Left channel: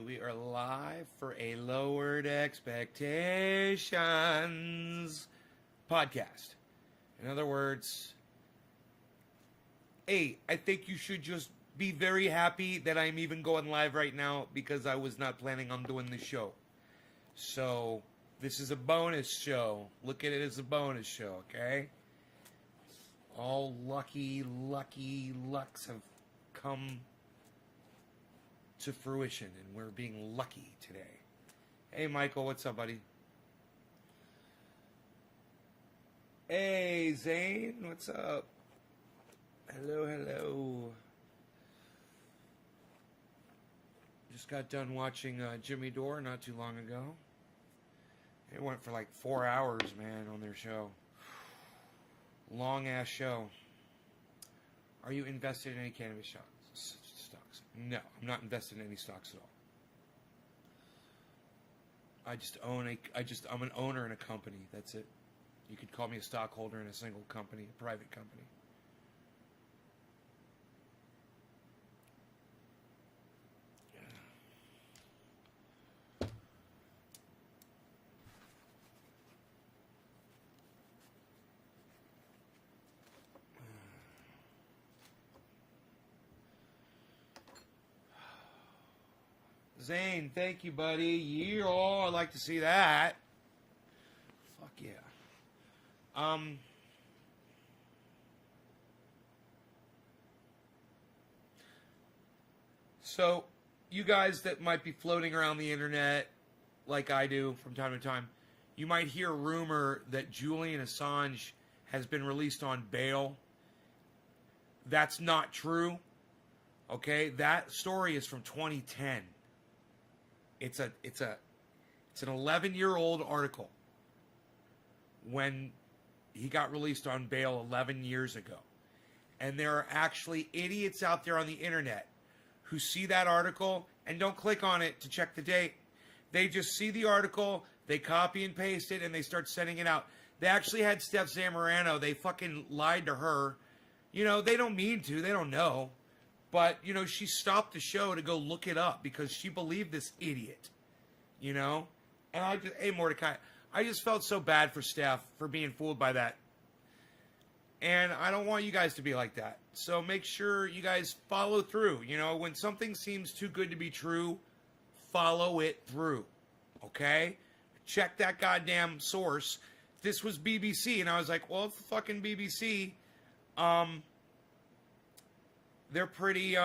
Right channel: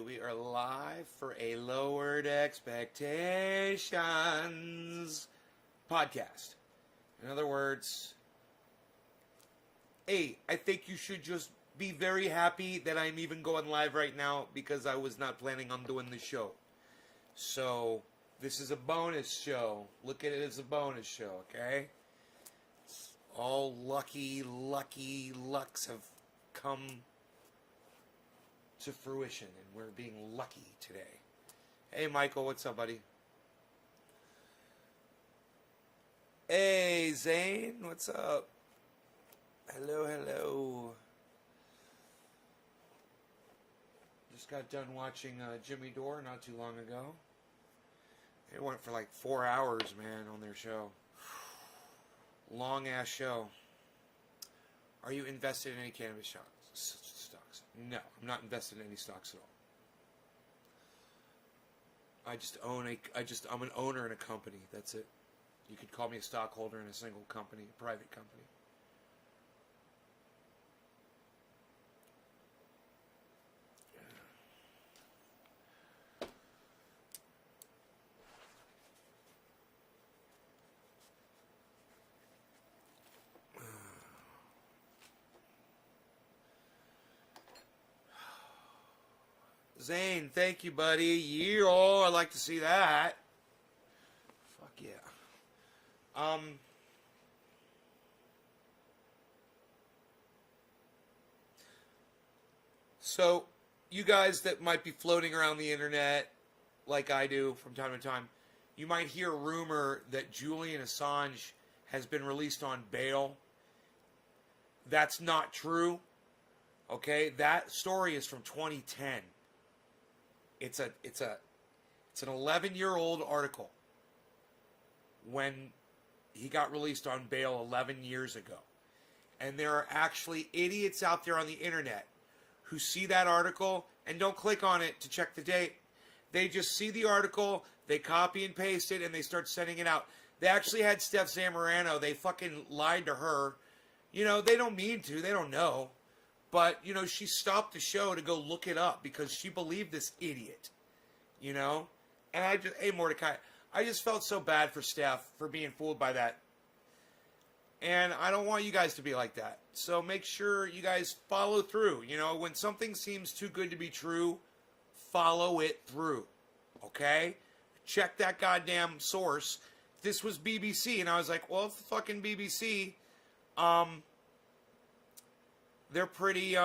We are live for a Lowered Expectations podcast. In other words, hey, I think you should just be very happy that I'm even going live right now because I was not planning on doing the show. So, this is a bonus show. Look at it as a bonus show, okay? All lucky lucks have come to fruition, and we're being lucky today. Hey, Michael, what's up, buddy? Hey, Zane, what's up? Hello. Just got done watching Jimmy Dore not too long ago. It went for like 4 hours, man, on their show. Long ass show. Are you invested in any cannabis stocks? No, I'm not invested in any stocks at all. I'm an owner in a company. That's it. You could call me a stockholder in a single company, a private company. Zane, thank you, buddy. I'd like to see that. Fuck yeah. So, you guys that might be floating around the internet, like I do from time to time, you might hear a rumor that Julian Assange has been released on bail. That's not true. Okay, that story is from 2010. It's an 11-year-old article when he got released on bail 11 years ago. And there are actually idiots out there on the internet who see that article and don't click on it to check the date. They just see the article, they copy and paste it, and they start sending it out. They actually had Steph Zamorano. They fucking lied to her. You know, they don't mean to. They don't know. But, you know, she stopped the show to go look it up because she believed this idiot, you know? And hey, Mordecai, I just felt so bad for Steph for being fooled by that. And I don't want you guys to be like that. So make sure you guys follow through. You know, when something seems too good to be true, follow it through, okay? Check that goddamn source. This was BBC, and I was like, well, it's the fucking BBC. They're pretty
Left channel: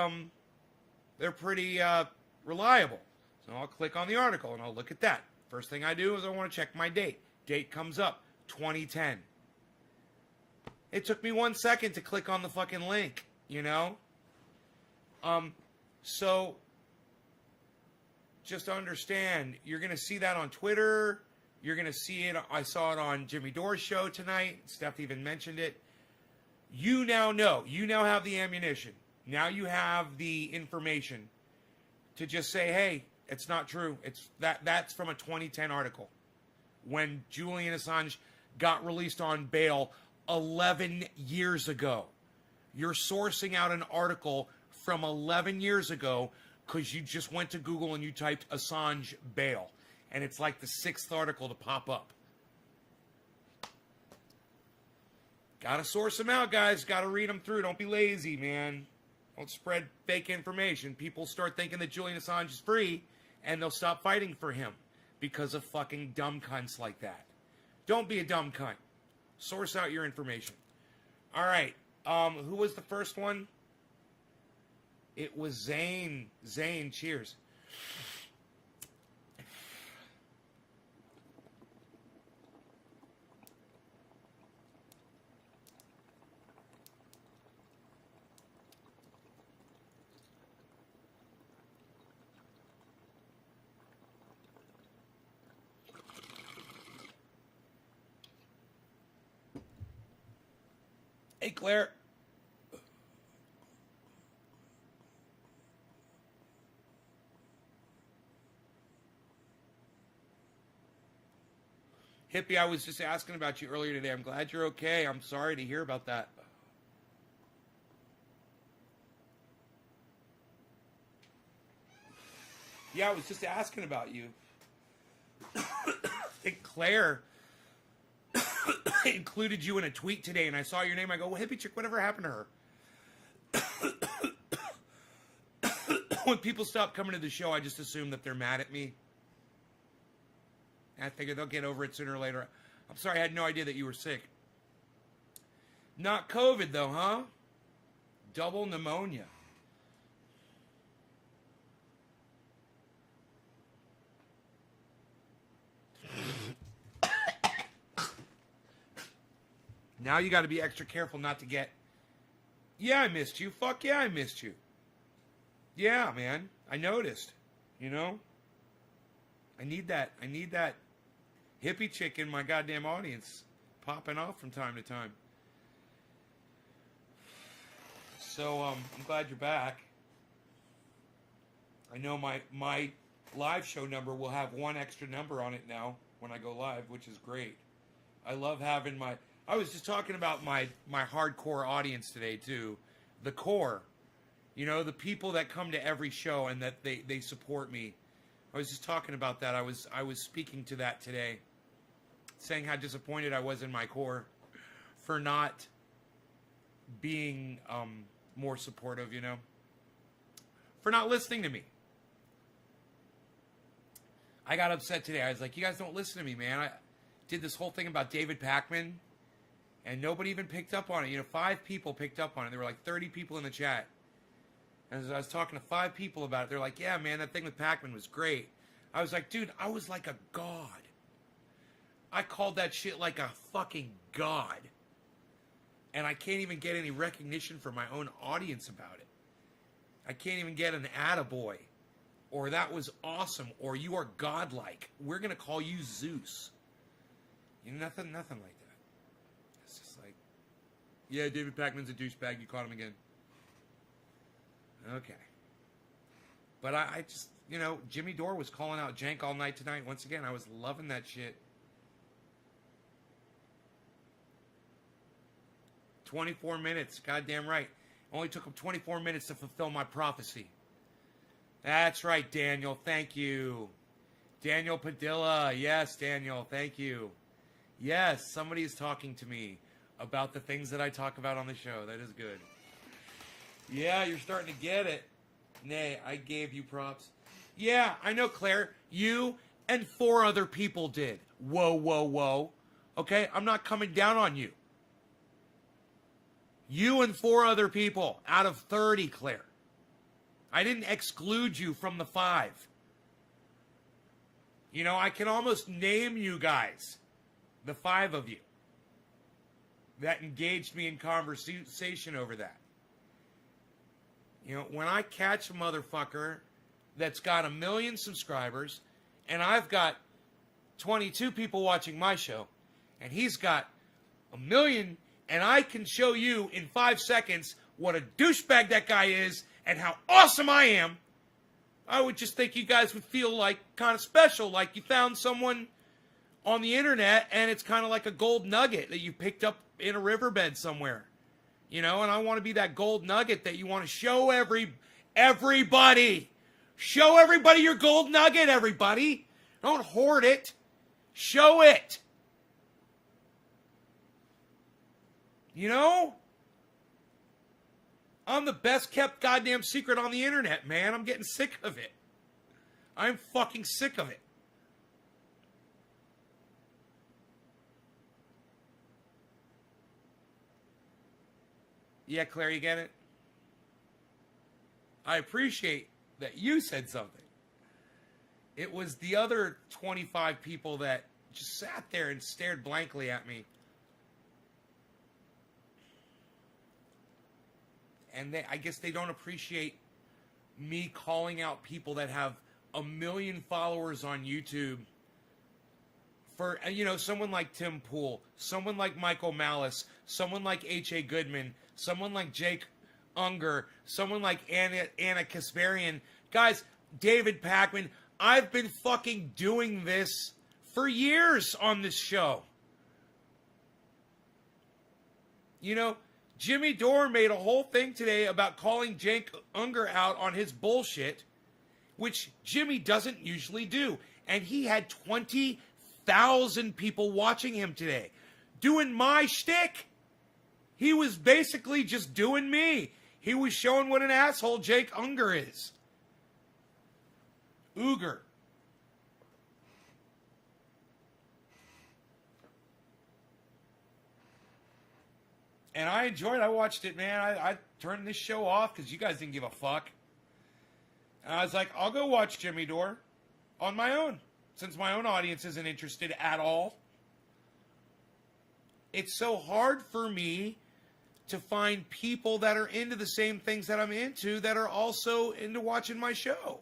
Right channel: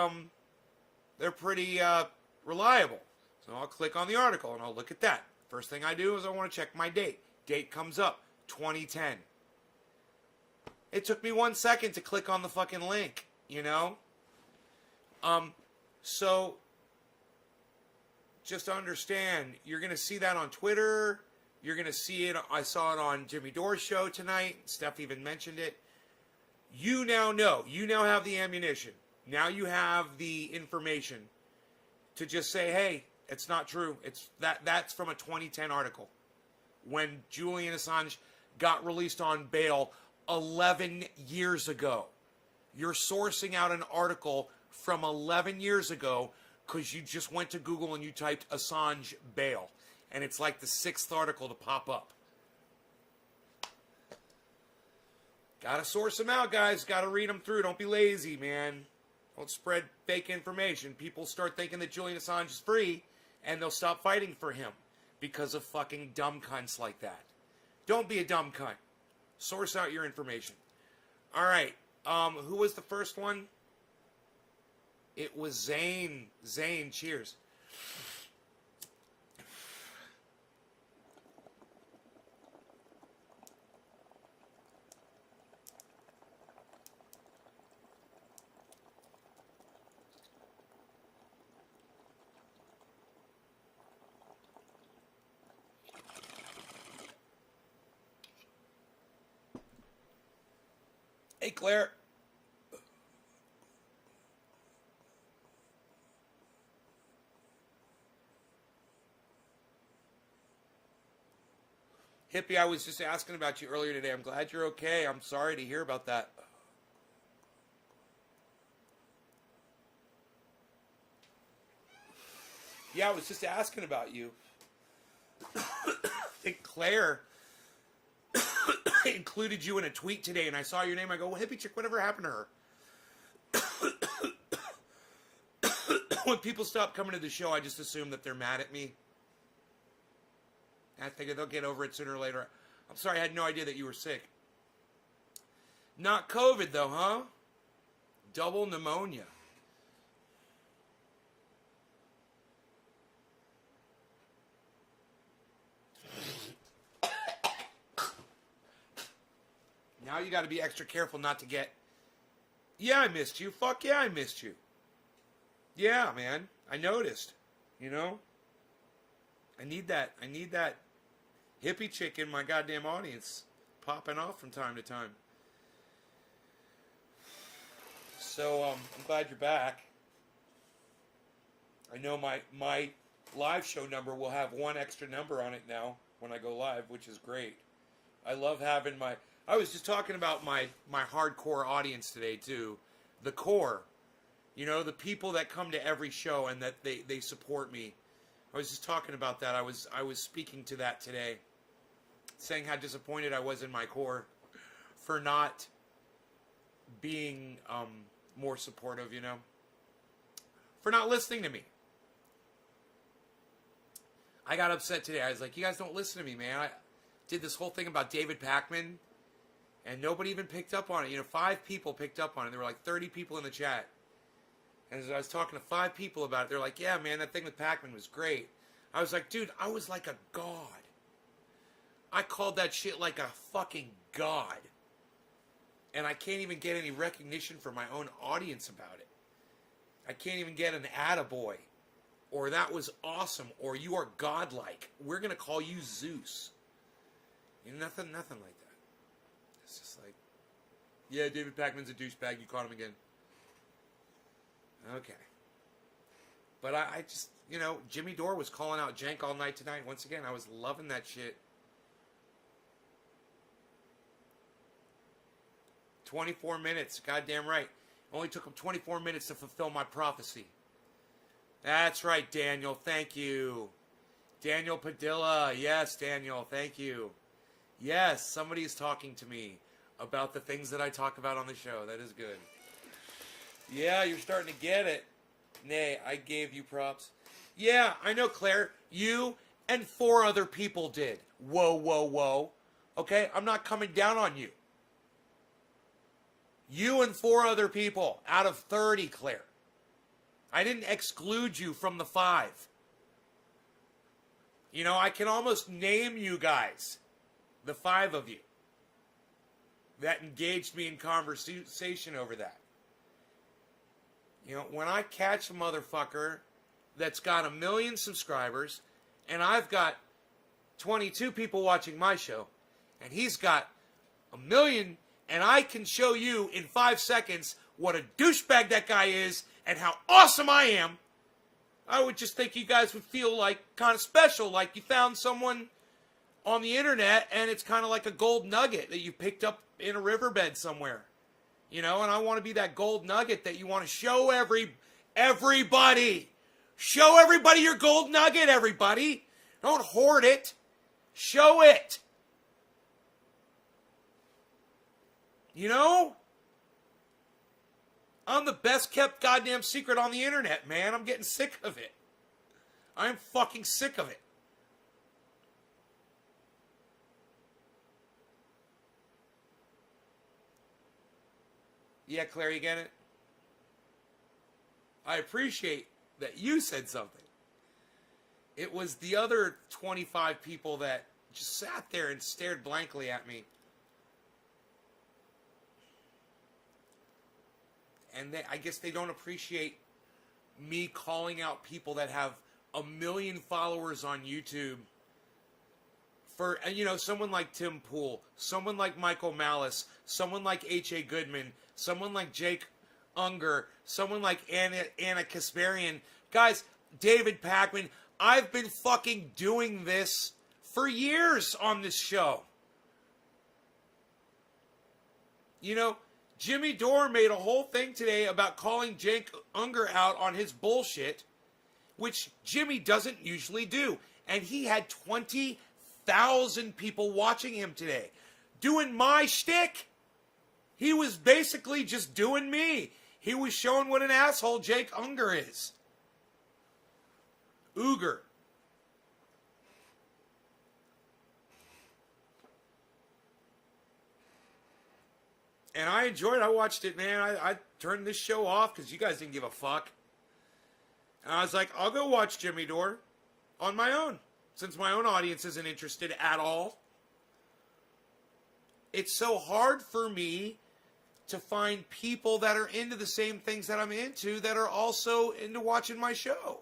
reliable. So I'll click on the article and I'll look at that. First thing I do is I want to check my date. Date comes up, 2010. It took me 1 second to click on the fucking link, you know? So just understand, you're going to see that on Twitter. You're going to see it. I saw it on Jimmy Dore's show tonight. Steph even mentioned it. You now know. You now have the ammunition. Now you have the information to just say, hey, it's not true. That's from a 2010 article when Julian Assange got released on bail 11 years ago. You're sourcing out an article from 11 years ago because you just went to Google and you typed Assange bail. And it's like the 6th article to pop up. Gotta source them out, guys. Gotta read them through. Don't be lazy, man. Don't spread fake information. People start thinking that Julian Assange is free, and they'll stop fighting for him because of fucking dumb cunts like that. Don't be a dumb cunt. Source out your information. All right. Who was the first one? It was Zane. Zane, cheers. Hey, Claire. Hippie, I was just asking about you earlier today. I'm glad you're okay. I'm sorry to hear about that. Yeah, I was just asking about you. I think Claire included you in a tweet today, and I saw your name. I go, well, Hippie Chick, whatever happened to her? When people stop coming to the show, I just assume that they're mad at me. I figure they'll get over it sooner or later. I'm sorry, I had no idea that you were sick. Not COVID, though, huh? Double pneumonia. Now you got to be extra careful not to get... Yeah, I missed you. Fuck yeah, I missed you. Yeah, man. I noticed. You know? I need that hippie chick in my goddamn audience popping off from time to time. So, I'm glad you're back. I know my live show number will have one extra number on it now when I go live, which is great. I love having my... I was just talking about my hardcore audience today, too. The core. You know, the people that come to every show and that they support me. I was just talking about that. I was speaking to that today. Saying how disappointed I was in my core for not being more supportive, you know. For not listening to me. I got upset today. I was like, you guys don't listen to me, man. I did this whole thing about David Pakman. And nobody even picked up on it. You know, 5 people picked up on it. There were like 30 people in the chat. And as I was talking to 5 people about it, they're like, yeah, man, that thing with Pakman was great. I was like, dude, I was like a god. I called that shit like a fucking god. And I can't even get any recognition from my own audience about it. I can't even get an attaboy. Or that was awesome. Or you are godlike. We're going to call you Zeus. You know, nothing like that. It's just like, yeah, David Pakman's a douchebag. You caught him again. Okay. But I just, you know, Jimmy Dore was calling out Jank all night tonight. Once again, I was loving that shit. 24 minutes. Goddamn right. Only took him 24 minutes to fulfill my prophecy. That's right, Daniel. Thank you. Daniel Padilla. Yes, Daniel. Thank you. Yes, somebody is talking to me about the things that I talk about on the show. That is good. Yeah, you're starting to get it. Nay, I gave you props. Yeah, I know, Claire. You and 4 other people did. Whoa, whoa, whoa. Okay, I'm not coming down on you. You and 4 other people out of 30, Claire. I didn't exclude you from the 5. You know, I can almost name you guys. The 5 of you that engaged me in conversation over that. You know, when I catch a motherfucker that's got 1 million subscribers and I've got 22 people watching my show and he's got 1 million and I can show you in 5 seconds what a douchebag that guy is and how awesome I am, I would just think you guys would feel like kind of special, like you found someone on the internet, and it's kind of like a gold nugget that you picked up in a riverbed somewhere. You know, and I want to be that gold nugget that you want to show everybody. Show everybody your gold nugget, everybody. Don't hoard it. Show it. You know? I'm the best kept goddamn secret on the internet, man. I'm getting sick of it. I'm fucking sick of it. Yeah, Claire, you get it? I appreciate that you said something. It was the other 25 people that just sat there and stared blankly at me. And I guess they don't appreciate me calling out people that have 1 million followers on YouTube. For, you know, someone like Tim Pool, someone like Michael Malice, someone like H.A. Goodman, someone like Jake Unger, someone like Anna Kasparian. Guys, David Pakman, I've been fucking doing this for years on this show. You know, Jimmy Dore made a whole thing today about calling Jake Unger out on his bullshit which Jimmy doesn't usually do. And he had 20,000 people watching him today. Doing my shtick. He was basically just doing me. He was showing what an asshole Jake Unger is. Uger. And I enjoyed it. I watched it, man. I turned this show off because you guys didn't give a fuck. And I was like, I'll go watch Jimmy Dore on my own, since my own audience isn't interested at all. It's so hard for me to find people that are into the same things that I'm into that are also into watching my show.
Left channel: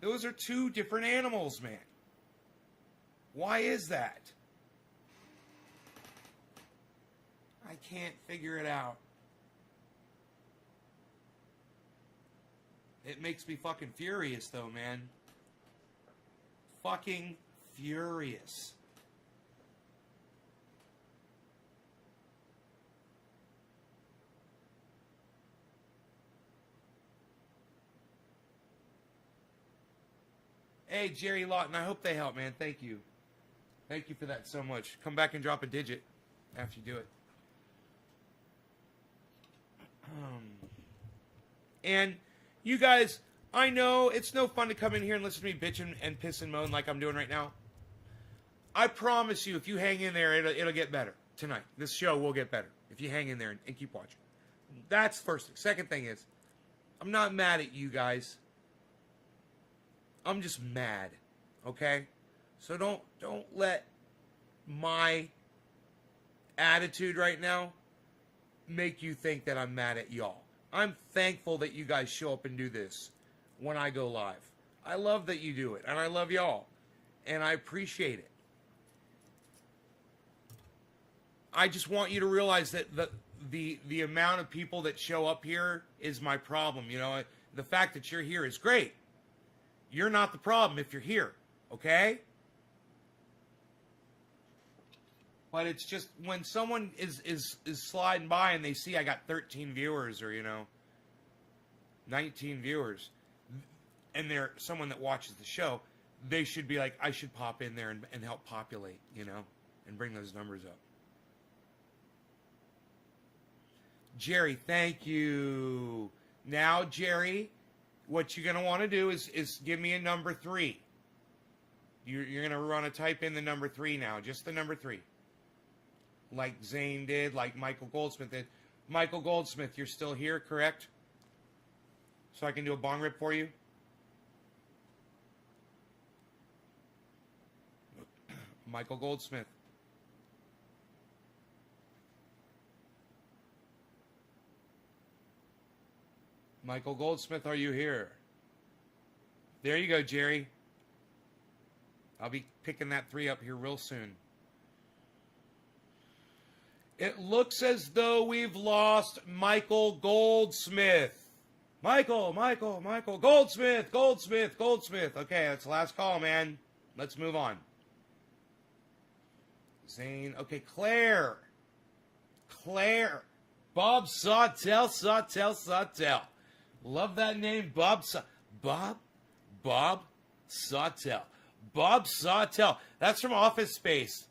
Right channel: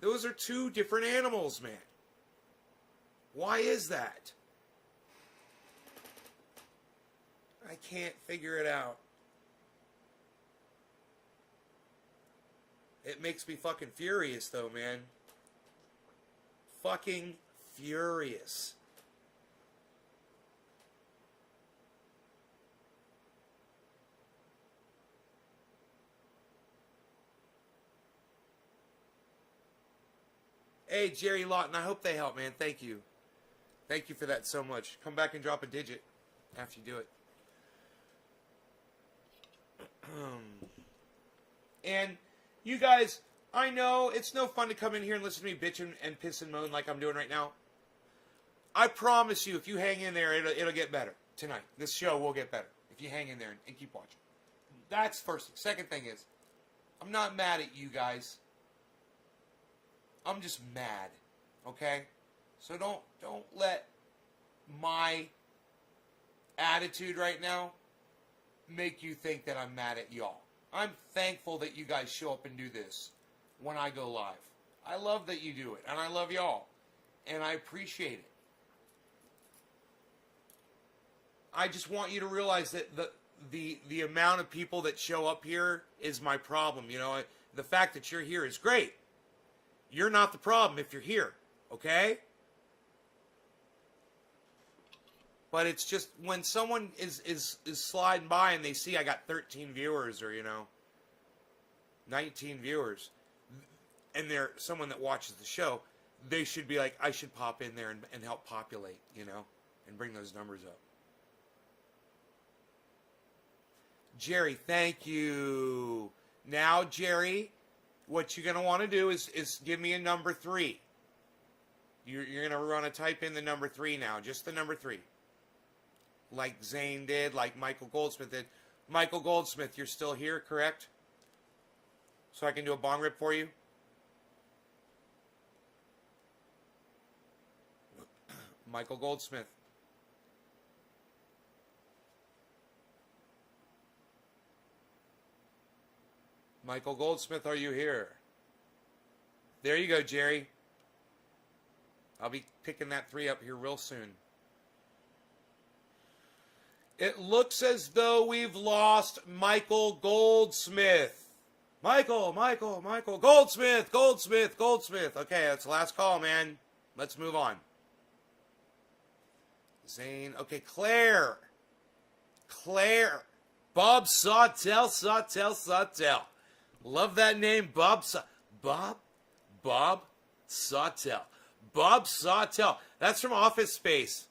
Those are two different animals, man. Why is that? I can't figure it out. It makes me fucking furious, though, man. Fucking furious. Hey, Jerry Lawton, I hope they help, man. Thank you. Thank you for that so much. Come back and drop a digit after you do it. And you guys, I know it's no fun to come in here and listen to me bitch and piss and moan like I'm doing right now. I promise you, if you hang in there, it'll get better tonight. This show will get better if you hang in there and keep watching. That's first thing. Second thing is, I'm not mad at you guys. I'm just mad, okay? So don't let my attitude right now make you think that I'm mad at y'all. I'm thankful that you guys show up and do this when I go live. I love that you do it, and I love y'all, and I appreciate it. I just want you to realize that the amount of people that show up here is my problem. You know, the fact that you're here is great. You're not the problem if you're here, okay? But it's just when someone is sliding by and they see I got 13 viewers or, 19 viewers, and they're someone that watches the show, they should be like, I should pop in there and help populate, and bring those numbers up. Jerry, thank you. Now, Jerry, what you're going to want to do is give me a number 3. You're going to want to type in the number 3 now, just the number 3. Like Zane did, like Michael Goldsmith did. Michael Goldsmith, you're still here, correct? So I can do a bong rip for you? Michael Goldsmith. Michael Goldsmith, are you here? There you go, Jerry. I'll be picking that 3 up here real soon. It looks as though we've lost Michael Goldsmith. Michael, Goldsmith. Okay, that's the last call, man. Let's move on. Zane. Okay, Claire. Bob Sawtell. Love that name, Bob Sawtell. Bob Sawtell. That's from Office Space.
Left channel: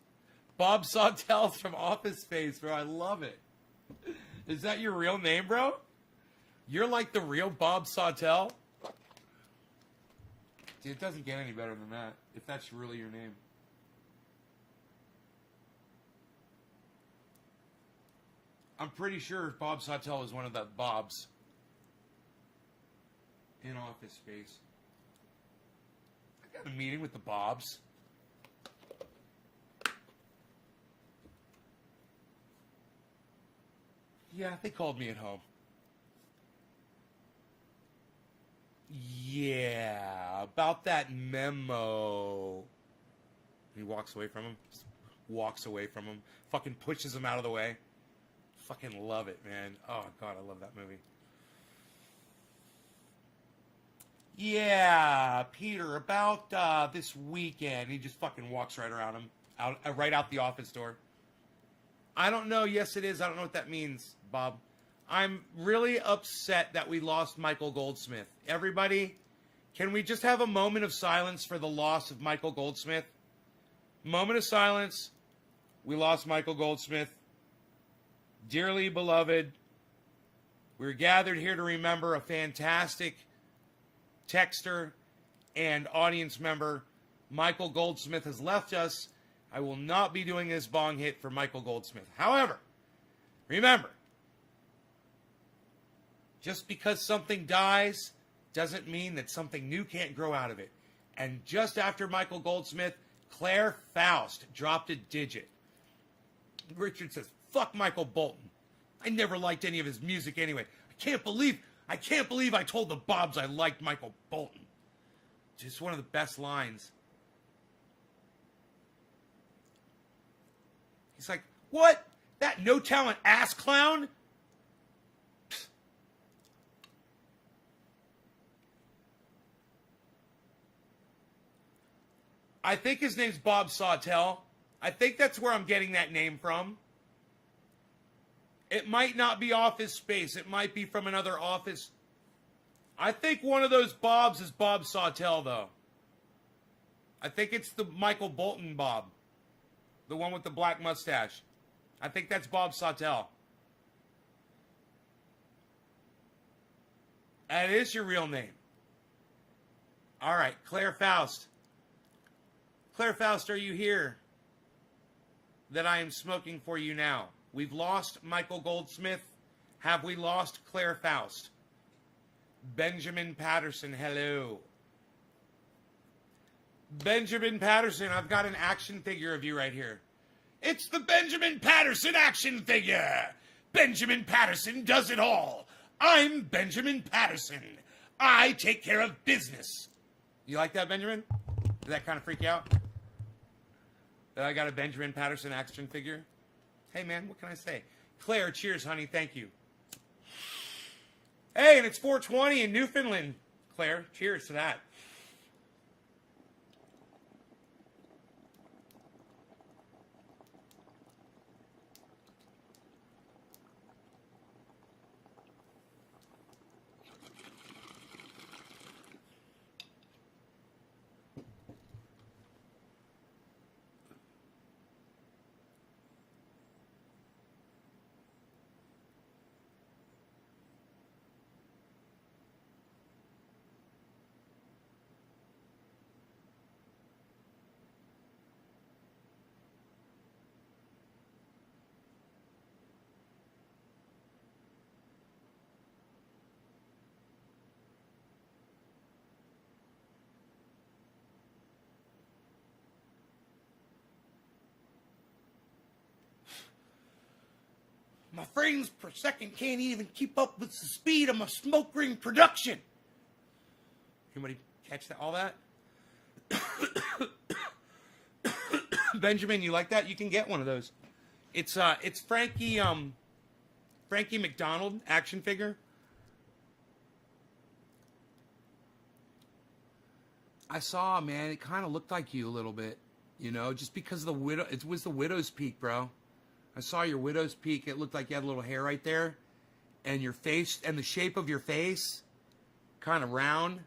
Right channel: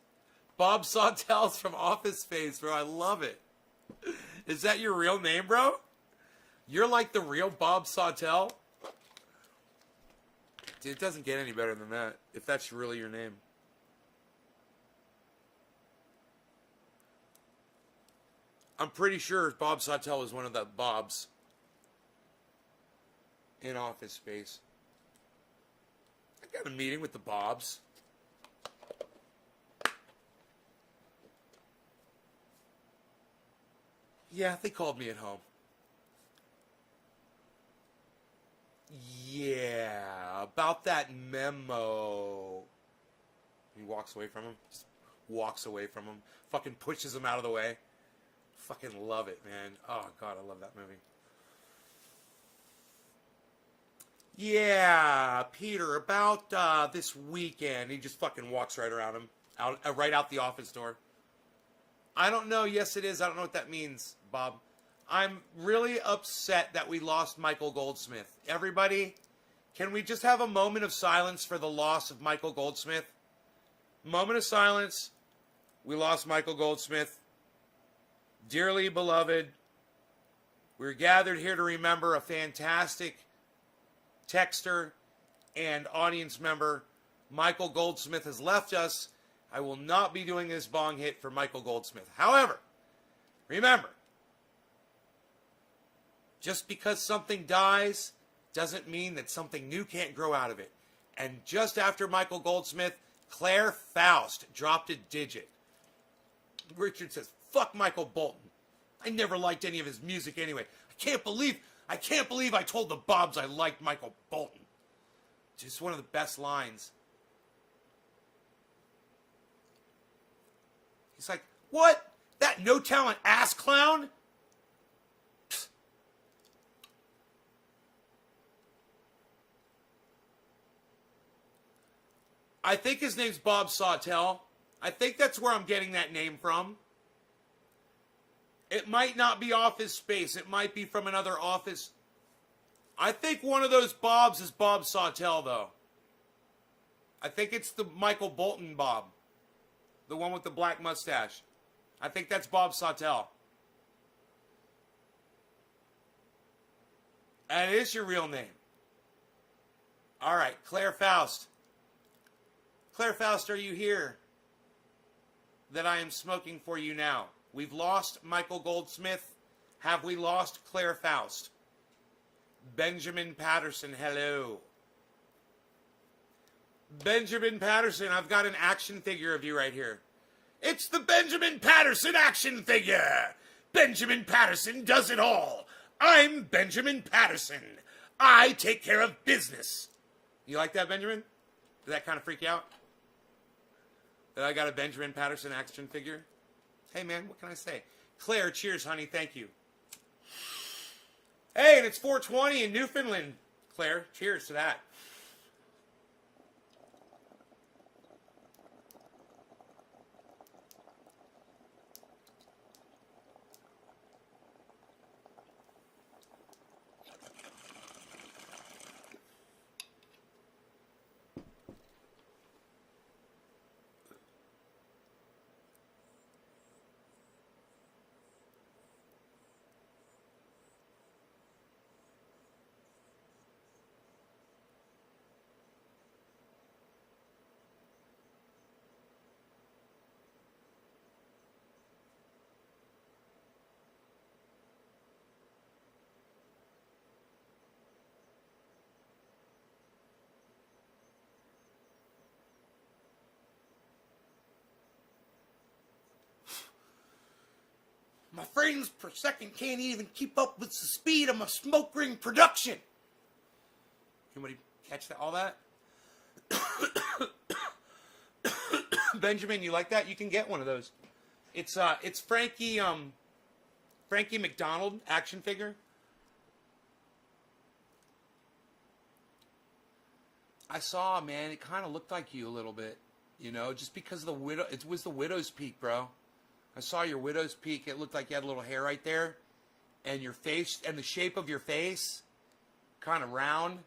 Bob Sawtell's from Office Space, bro. I love it. Is that your real name, bro? You're like the real Bob Sawtell? Dude, it doesn't get any better than that, if that's really your name. I'm pretty sure Bob Sawtell was one of the Bobs in Office Space. I got a meeting with the Bobs. Yeah, they called me at home. Yeah, about that memo. He walks away from him. Just walks away from him. Fucking pushes him out of the way. Fucking love it, man. Oh, God, I love that movie. Yeah, Peter, about this weekend. He just fucking walks right around him. Right out the office door. I don't know. Yes, it is. I don't know what that means, Bob. I'm really upset that we lost Michael Goldsmith. Everybody, can we just have a moment of silence for the loss of Michael Goldsmith? Moment of silence. We lost Michael Goldsmith. Dearly beloved, we're gathered here to remember a fantastic texter and audience member. Michael Goldsmith has left us. I will not be doing this bong hit for Michael Goldsmith. However, remember, just because something dies doesn't mean that something new can't grow out of it. And just after Michael Goldsmith, Claire Faust dropped a digit. Richard says, fuck Michael Bolton. I never liked any of his music anyway. I can't believe I told the Bobs I liked Michael Bolton. Just one of the best lines. He's like, what? That no talent ass clown? Psst. I think his name's Bob Sawtell. I think that's where I'm getting that name from. It might not be Office Space. It might be from another office. I think one of those Bobs is Bob Sawtell, though. I think it's the Michael Bolton Bob. The one with the black mustache. I think that's Bob Sawtell. That is your real name. All right, Claire Faust. Claire Faust, are you here? That I am smoking for you now. We've lost Michael Goldsmith. Have we lost Claire Faust? Benjamin Patterson, hello. Benjamin Patterson, I've got an action figure of you right here. It's the Benjamin Patterson action figure. Benjamin Patterson does it all. I'm Benjamin Patterson. I take care of business. You like that, Benjamin? Did that kind of freak you out? That I got a Benjamin Patterson action figure? Hey, man, what can I say? Claire, cheers, honey. Thank you. Hey, and it's 420 in Newfoundland. Claire, cheers to that. My frames per second can't even keep up with the speed of my smoke ring production. Anybody catch that? All that? Benjamin, you like that? You can get one of those. It's Frankie McDonald action figure. I saw, man, it kind of looked like you a little bit, you know, just because of the widow. It was the widow's peak, bro. I saw your widow's peak. It looked like you had a little hair right there, and your face and the shape of your face, kind of round.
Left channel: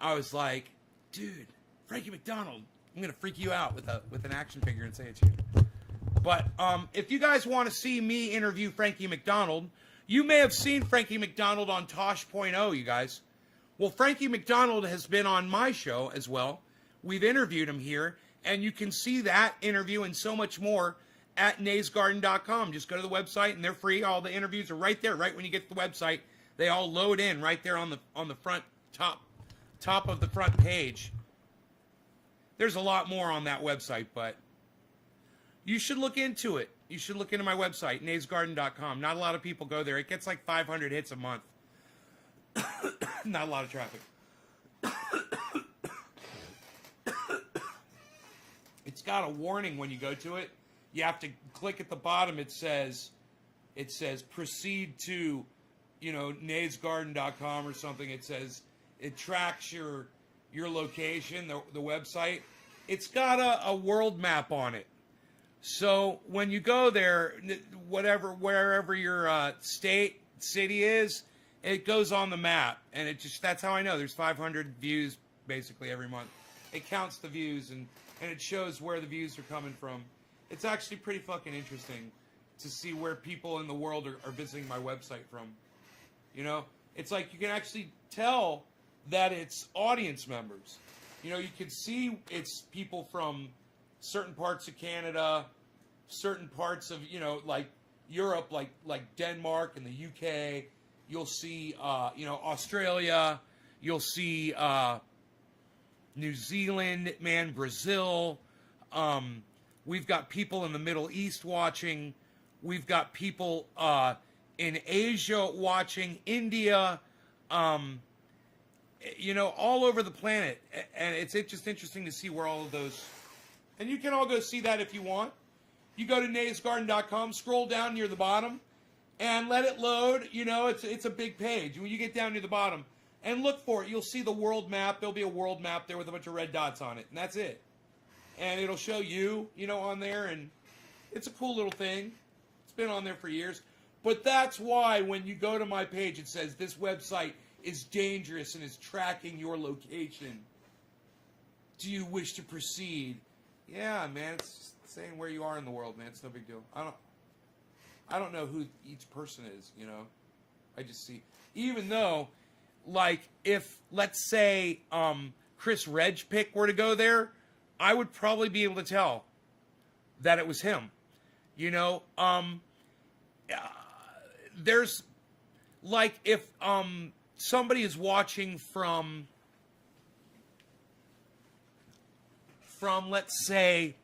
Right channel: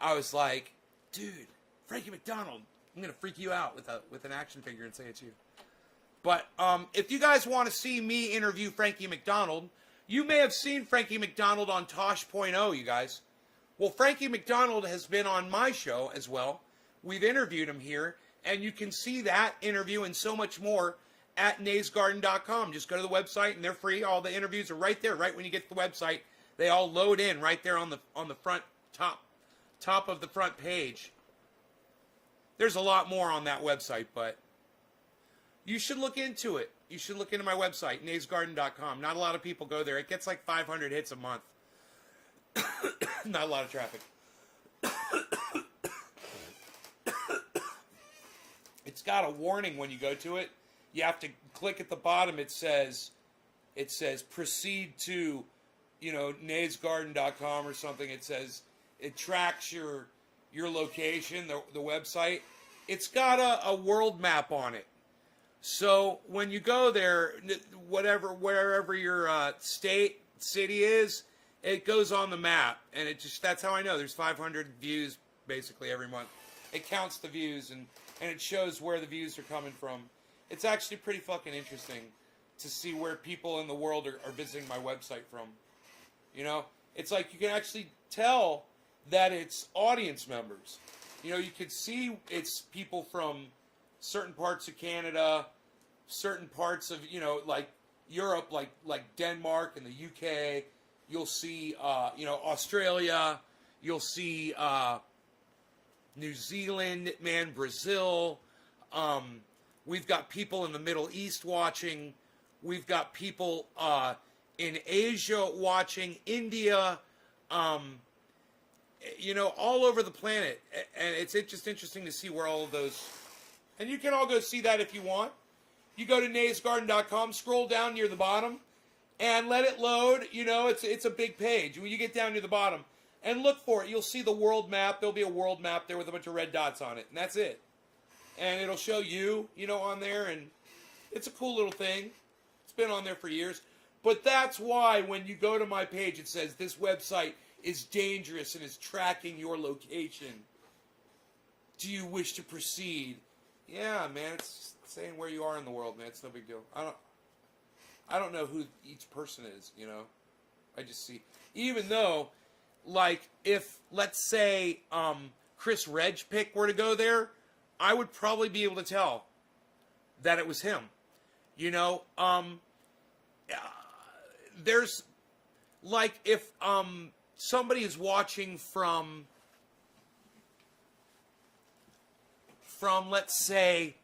I was like, dude, Frankie McDonald, I'm gonna freak you out with an action figure and say it's you. But if you guys want to see me interview Frankie McDonald, you may have seen Frankie McDonald on Tosh.0, you guys. Well, Frankie McDonald has been on my show as well. We've interviewed him here, and you can see that interview and so much more at naysgarden.com. Just go to the website, and they're free. All the interviews are right there, right when you get to the website. They all load in right there on the front top of the front page. There's a lot more on that website, but you should look into it. You should look into my website, naysgarden.com. Not a lot of people go there. It gets like 500 hits a month. Not a lot of traffic. It's got a warning when you go to it. You have to click at the bottom. It says proceed to, naysgarden.com or something. It says it tracks your location, the website. It's got a world map on it. So when you go there, wherever your state, city is, it goes on the map, and that's how I know. There's 500 views basically every month. It counts the views, and it shows where the views are coming from. It's actually pretty fucking interesting to see where people in the world are visiting my website from. You know, it's like you can actually tell that it's audience members. You know, you can see it's people from certain parts of Canada, certain parts of, you know, like Europe, like Denmark and the UK. You'll see, you know, Australia. You'll see New Zealand, man, Brazil. We've got people in the Middle East watching. We've got people in Asia watching, India, you know, all over the planet. And it's just interesting to see where all of those... And you can all go see that if you want. You go to naysgarden.com, scroll down near the bottom, and let it load. You know, it's a big page. When you get down near the bottom and look for it, you'll see the world map. There'll be a world map there with a bunch of red dots on it, and that's it. And it'll show you, you know, on there, and it's a cool little thing. It's been on there for years. But that's why when you go to my page, it says this website is dangerous and is tracking your location. Do you wish to proceed? Yeah, man, it's just saying where you are in the world, man. It's no big deal. I don't know who each person is, you know. I just see. Even though, like, if, let's say, Chris Redgepick were to go there, I would probably be able to tell that it was him. You know, there's, like, if somebody is watching from, let's say,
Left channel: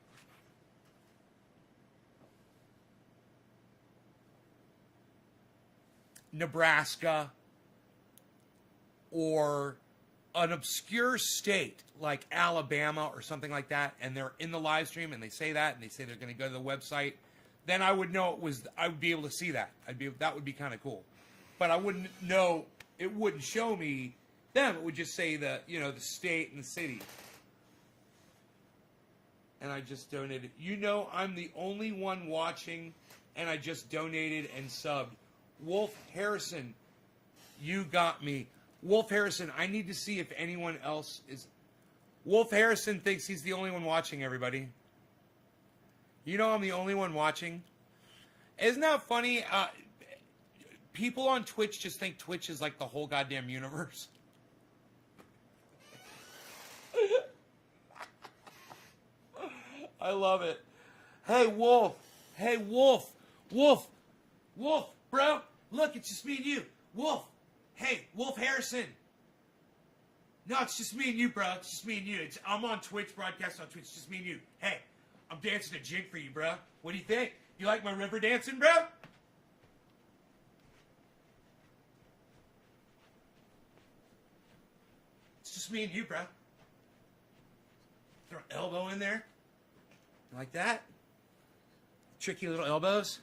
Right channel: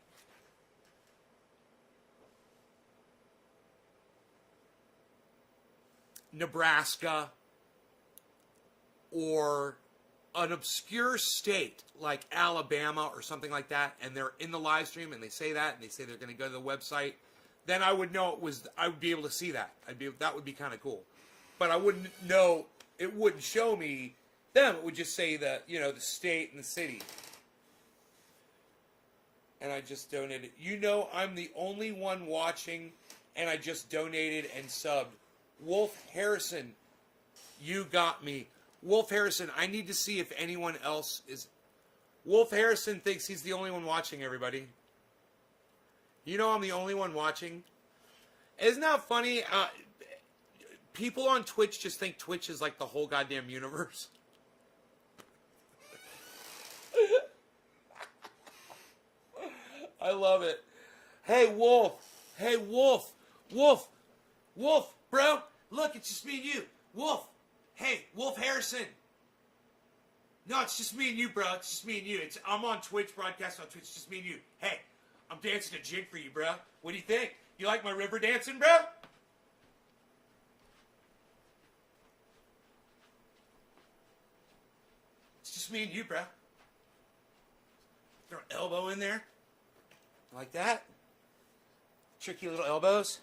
Nebraska or an obscure state like Alabama or something like that, and they're in the live stream and they say that and they say they're going to go to the website, then I would know I would be able to see that. That would be kind of cool. But I wouldn't know, it wouldn't show me them. It would just say the state and the city. And I just donated. You know, I'm the only one watching, and I just donated and subbed. Wolf Harrison, you got me. Wolf Harrison, I need to see if anyone else is... Wolf Harrison thinks he's the only one watching, everybody. You know I'm the only one watching? Isn't that funny? People on Twitch just think Twitch is like the whole goddamn universe. I love it. Hey, Wolf. Hey, Wolf. Wolf. Wolf, bro. Look, it's just me and you. Wolf. Hey, Wolf Harrison. No, it's just me and you, bro. It's just me and you. I'm on Twitch, broadcast on Twitch. It's just me and you. Hey, I'm dancing a jig for you, bro. What do you think? You like my river dancing, bro? It's just me and you, bro. Throw an elbow in there. Like that. Tricky little elbows.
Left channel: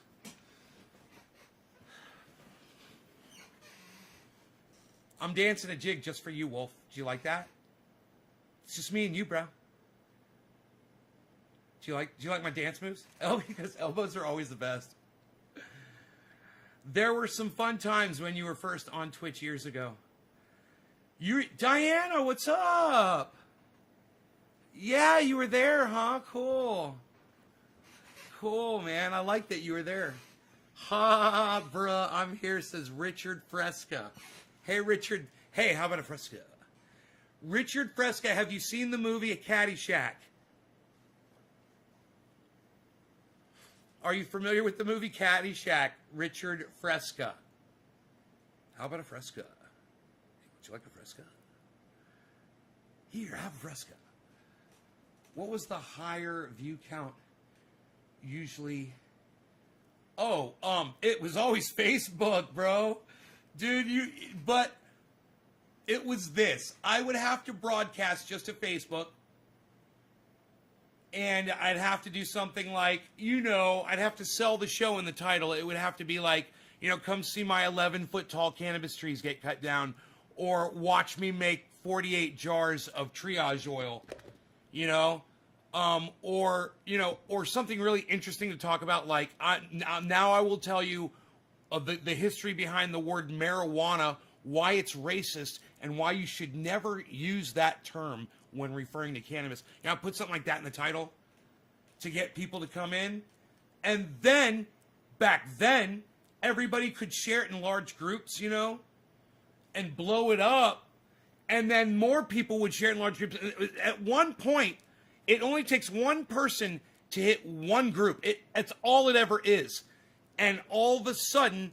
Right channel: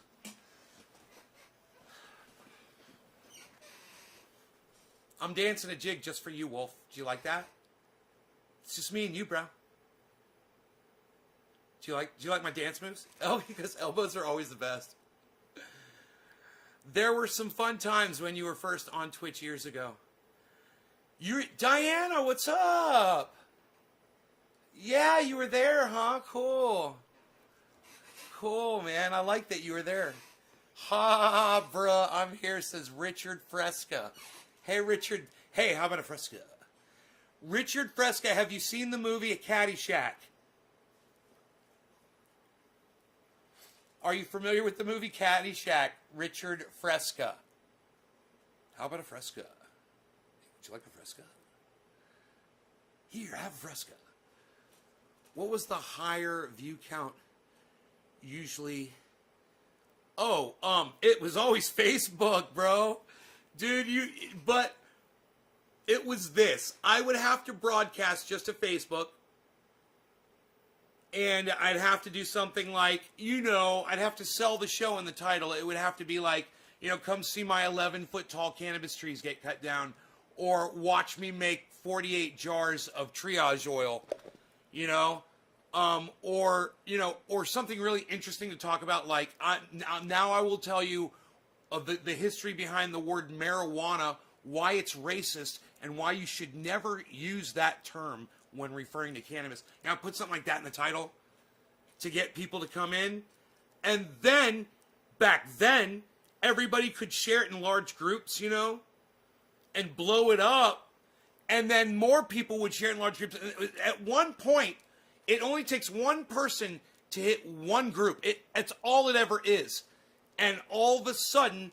I'm dancing a jig just for you, Wolf. Do you like that? It's just me and you, bro. Do you like my dance moves? Oh, because elbows are always the best. There were some fun times when you were first on Twitch years ago. Diana, what's up? Yeah, you were there, huh? Cool. Cool, man. I like that you were there. Ha, bruh, I'm here, says Richard Fresca. Hey, Richard. Hey, how about a Fresca? Richard Fresca, have you seen the movie A Caddyshack? Are you familiar with the movie Caddyshack? Richard Fresca. How about a Fresca? Would you like a Fresca? Here, have a Fresca. What was the higher view count usually? Oh, it was always Facebook, bro. Dude, but it was this. I would have to broadcast just to Facebook. And I'd have to do something like, I'd have to sell the show in the title. It would have to be like, come see my 11-foot tall cannabis trees get cut down. Or watch me make 48 jars of triage oil. Or something really interesting to talk about. Like, now I will tell you of the history behind the word marijuana, why it's racist, and why you should never use that term when referring to cannabis. You know, put something like that in the title to get people to come in. And then, back then, everybody could share it in large groups, you know, and blow it up. And then more people would share it in large groups. At one point, it only takes one person to hit one group. It's all it ever is. And all of a sudden,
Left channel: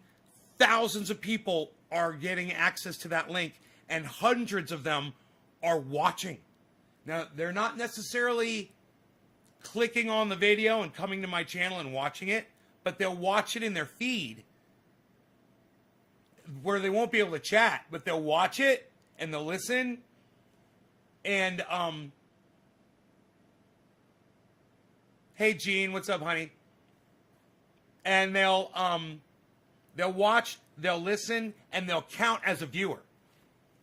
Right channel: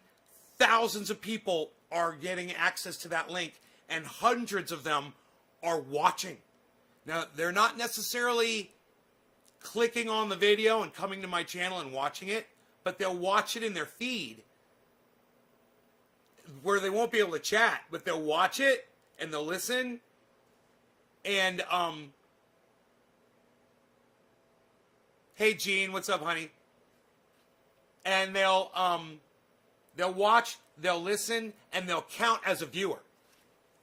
thousands of people are getting access to that link, and hundreds of them are watching. Now, they're not necessarily clicking on the video and coming to my channel and watching it, but they'll watch it in their feed where they won't be able to chat, but they'll watch it and they'll listen. And, hey, Gene, what's up, honey? And they'll watch, they'll listen, and they'll count as a viewer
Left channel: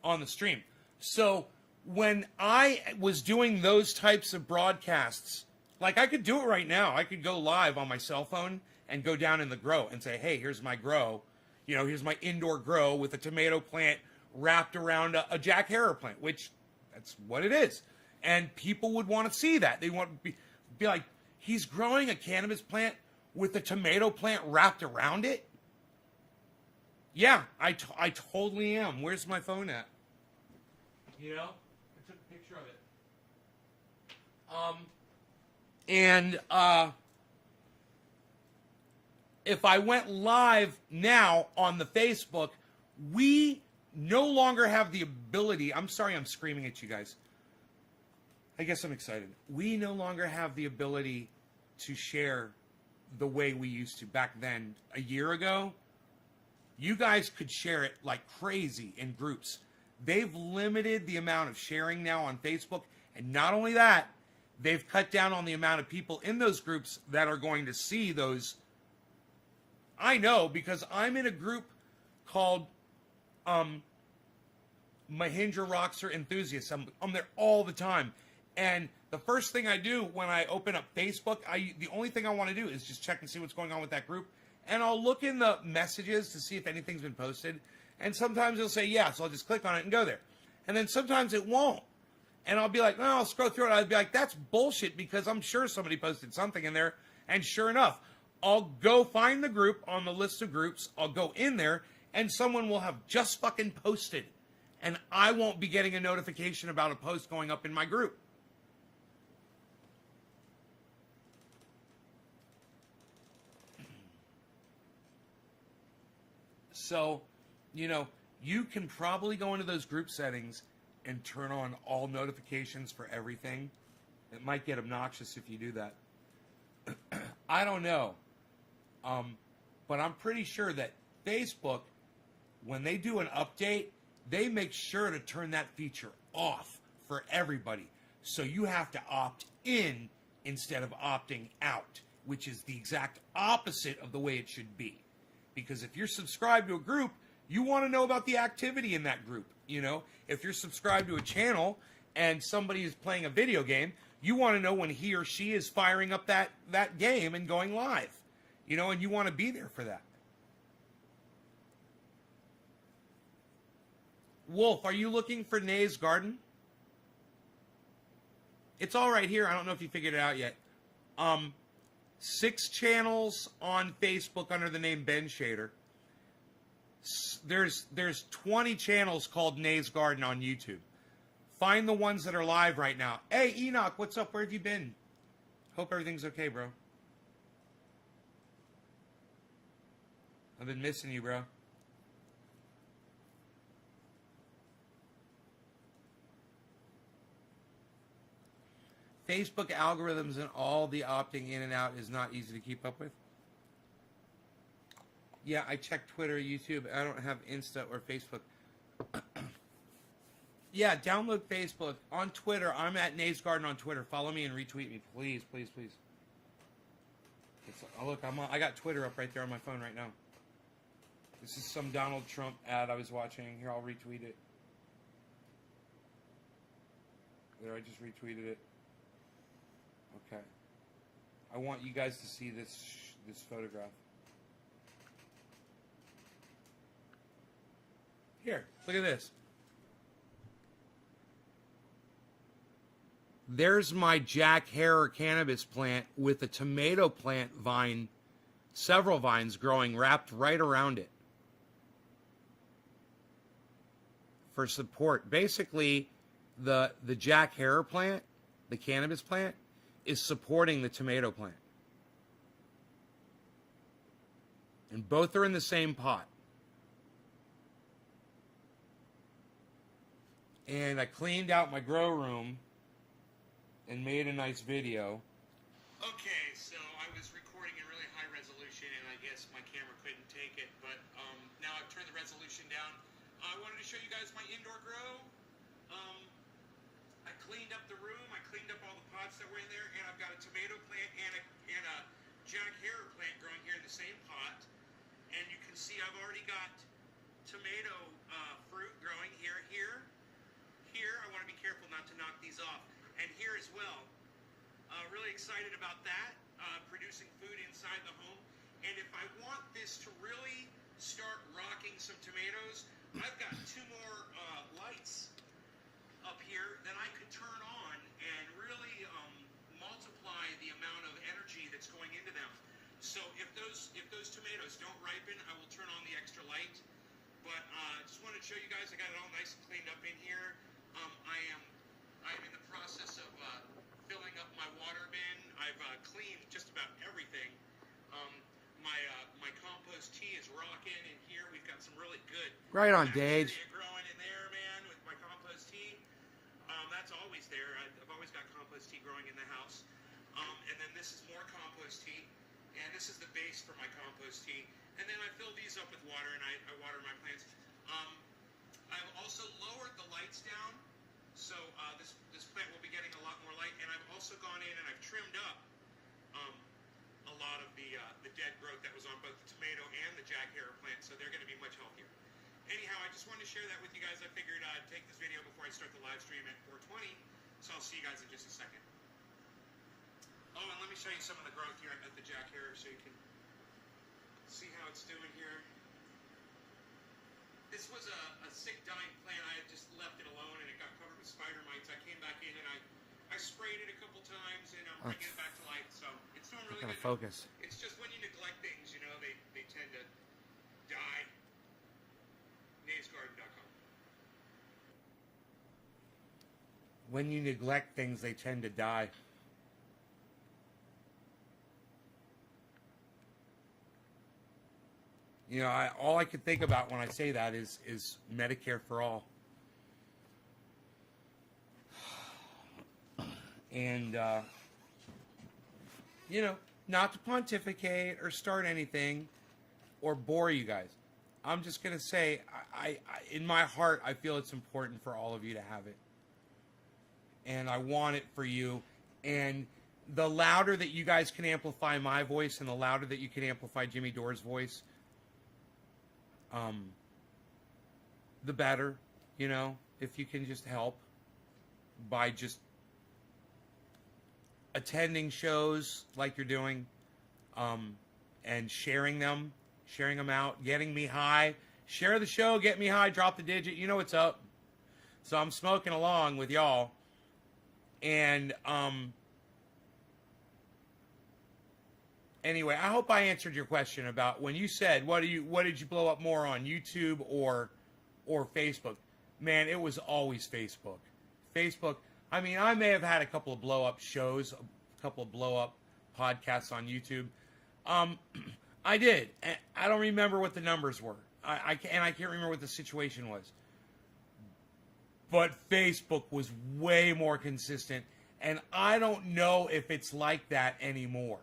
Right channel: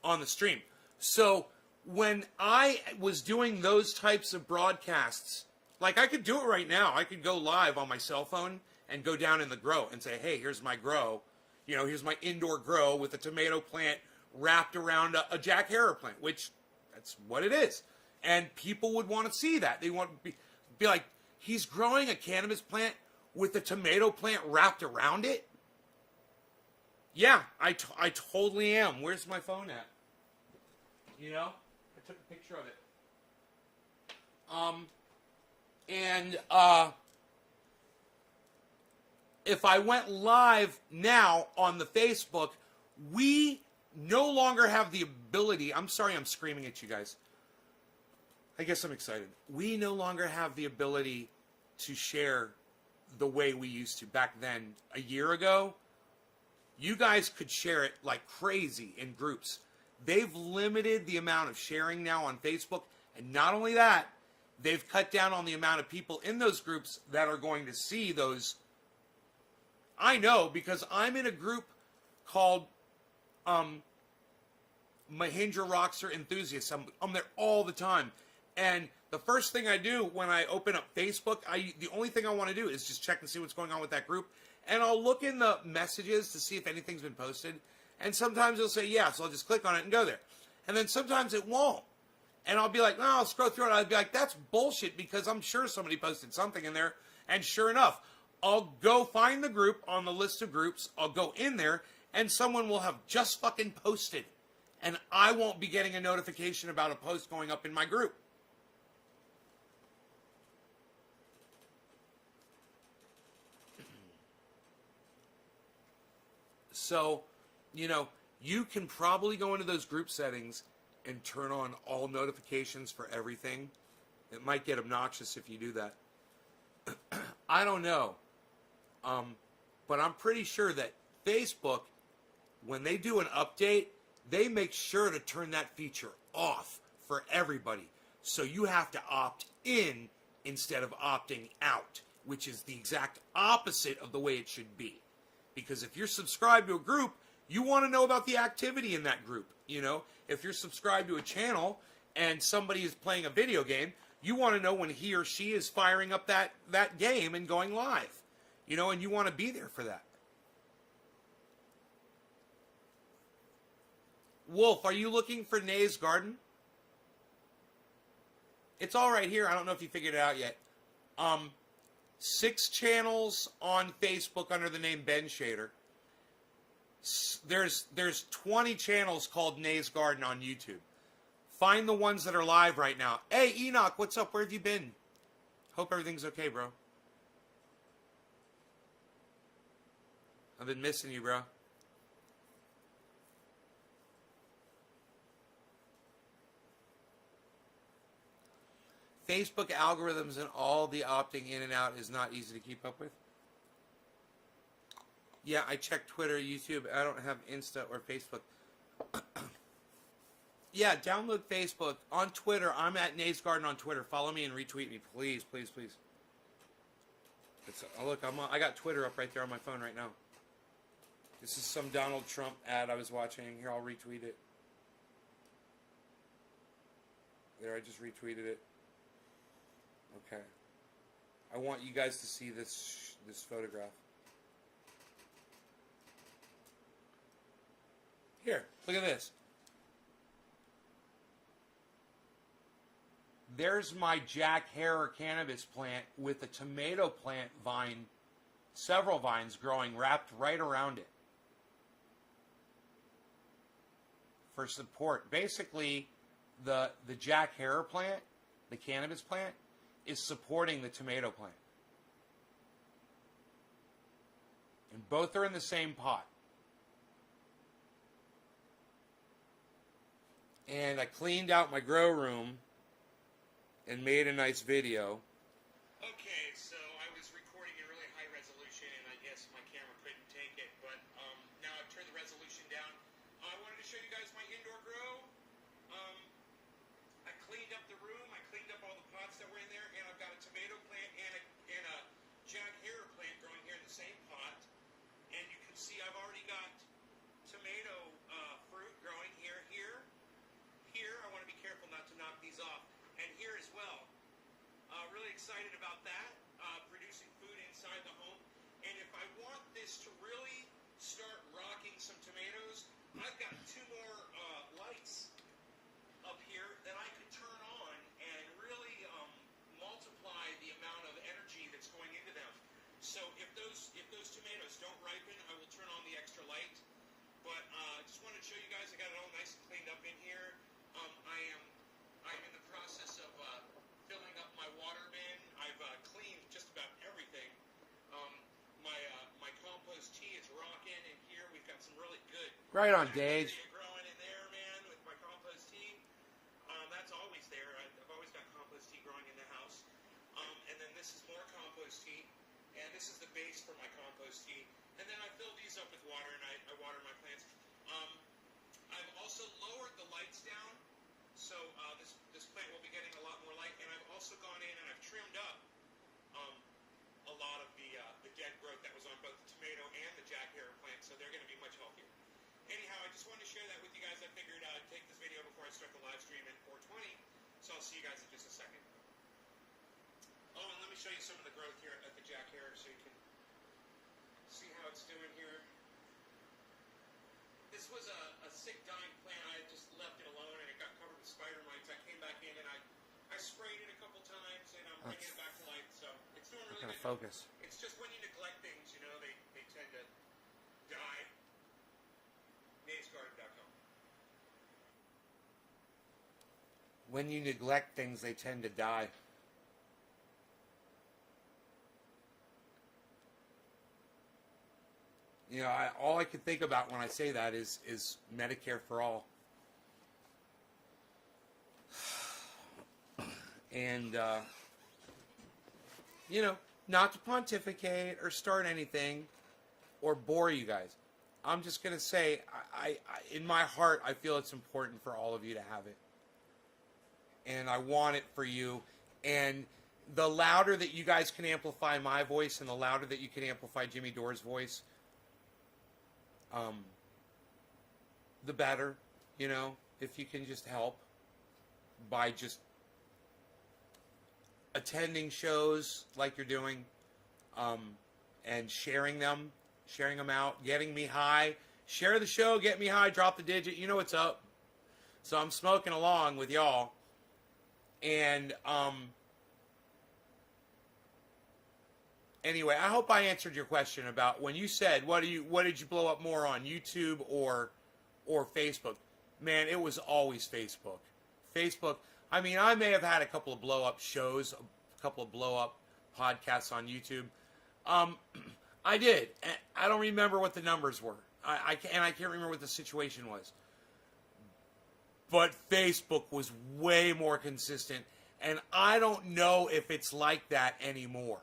on the stream. So when I was doing those types of broadcasts, like I could do it right now. I could go live on my cell phone and go down in the grow and say, hey, here's my grow. You know, here's my indoor grow with a tomato plant wrapped around a Jack Herer plant, which that's what it is. And people would want to see that. They want to be like, he's growing a cannabis plant with a tomato plant wrapped around it? Yeah, I totally am. Where's my phone at? You know? I took a picture of it. If I went live now on the Facebook, we no longer have the ability. I'm sorry I'm screaming at you guys. I guess I'm excited. We no longer have the ability to share the way we used to back then. A year ago, you guys could share it like crazy in groups. They've limited the amount of sharing now on Facebook. And not only that, they've cut down on the amount of people in those groups that are going to see those. I know because I'm in a group called Mahindra Rockstar Enthusiasts. I'm there all the time. And the first thing I do when I open up Facebook, the only thing I want to do is just check and see what's going on with that group. And I'll look in the messages to see if anything's been posted. And sometimes it'll say, yeah, so I'll just click on it and go there. And then sometimes it won't. And I'll be like, oh, I'll scroll through it. I'll be like, that's bullshit because I'm sure somebody posted something in there. And sure enough, I'll go find the group on the list of groups. I'll go in there and someone will have just fucking posted. And I won't be getting a notification about a post going up in my group. So, you know, you can probably go into those group settings and turn on all notifications for everything. It might get obnoxious if you do that. I don't know. But I'm pretty sure that Facebook, when they do an update, they make sure to turn that feature off for everybody. So you have to opt in instead of opting out, which is the exact opposite of the way it should be. Because if you're subscribed to a group, you want to know about the activity in that group. You know, if you're subscribed to a channel and somebody is playing a video game, you want to know when he or she is firing up that game and going live. You know, and you want to be there for that. Wolf, are you looking for Nay's Garden? It's all right here. I don't know if you figured it out yet. 6 channels on Facebook under the name Ben Shader. There's 20 channels called Nay's Garden on YouTube. Find the ones that are live right now. Hey, Enoch, what's up? Where have you been? Hope everything's okay, bro. I've been missing you, bro. Facebook algorithms and all the opting in and out is not easy to keep up with. Yeah, I check Twitter, YouTube. I don't have Insta or Facebook. Yeah, download Facebook. On Twitter, I'm at Nay's Garden on Twitter. Follow me and retweet me, please, please, please. Look, I got Twitter up right there on my phone right now. This is some Donald Trump ad I was watching. Here, I'll retweet it. There, I just retweeted it. Okay. I want you guys to see this photograph. Look at this. There's my Jack Herer cannabis plant with a tomato plant vine, several vines growing wrapped right around it for support. Basically, the Jack Herer plant, the cannabis plant, is supporting the tomato plant. And both are in the same pot. And I cleaned out my grow room and made a nice video. Okay, so I was recording in really high resolution, and I guess my camera couldn't take it, but now I've turned the resolution down. I wanted to show you guys my indoor grow. I cleaned up the room, I cleaned up all the pots that were in there, and I've got a tomato plant and a Jack Herer plant growing here in the same pot. And you can see I've already got tomato fruit growing here. Here, I want to be careful not to knock these off. And here as well. Really excited about that, producing food inside the home. And if I want this to really start rocking some tomatoes, I've got 2 more lights up here that I could turn on and really multiply the amount of energy that's going into them. So if those tomatoes don't ripen, I will turn on the extra light. But I just wanted to show you guys, I got it all nice and cleaned up in here. I'm in the process of filling up my water bin. I've cleaned just about everything. My compost tea is rocking in here. We've got some really good Right on, Dage. growing in there, man, with my compost tea. That's always there. I've always got compost tea growing in the house. And then this is more compost tea. And this is the base for my compost tea. And then I fill these up with water, and I water my plants. I've also lowered the lights down, so this plant will be getting a lot more light. And I've also gone in and I've trimmed up a lot of the dead growth that was on both the tomato and the Jack Herer plant, so they're going to be much healthier. Anyhow, I just wanted to share that with you guys. I figured I'd take this video before I start the live stream at 4:20, so I'll see you guys in just a second. Oh, and let me show you some of the growth here at the Jack Herer so you can see how it's doing here. This was a sick, dying plant. I had just left it alone, and it got covered with spider mites. I came back in, and I sprayed it a couple times, and I'm bringing it back to life. So it's doing really good. Focus. It's just when you neglect things, you know, they tend to die. NavesGarden.com. When you neglect things, they tend to die. You know, all I could think about when I say that is Medicare for all. And, you know, not to pontificate or start anything or bore you guys. I'm just going to say, I in my heart, I feel it's important for all of you to have it. And I want it for you. And the louder that you guys can amplify my voice and the louder that you can amplify Jimmy Dore's voice, the better, you know, if you can just help by just attending shows like you're doing, and sharing them out, getting me high. Share the show, get me high, drop the digit, you know what's up. So I'm smoking along with y'all. And anyway, I hope I answered your question about when you said what did you blow up more on, YouTube or Facebook? Man, it was always Facebook. Facebook. I mean, I may have had a couple of blow up shows, a couple of blow up podcasts on YouTube. I did. I don't remember what the numbers were. I can't remember what the situation was. But Facebook was way more consistent, and I don't know if it's like that anymore.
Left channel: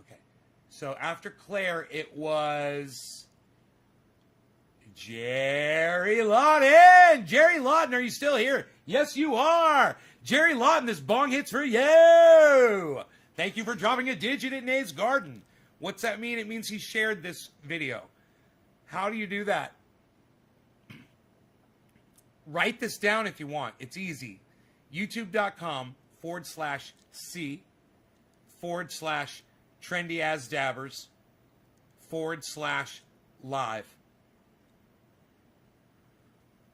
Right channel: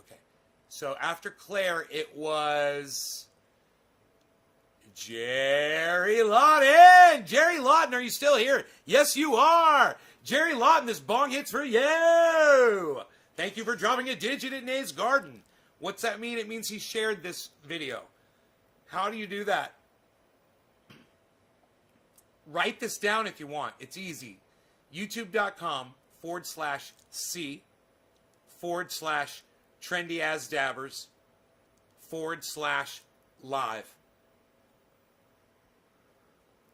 Okay. So after Claire, it was Jerry Lawton. Jerry Lawton, are you still here? Yes, you are. Jerry Lawton, this bong hit's for you. Thank you for dropping a digit at Nave's Garden. What's that mean? It means he shared this video. How do you do that? Write this down if you want. It's easy. YouTube.com/C/TrendyAsDabbers live.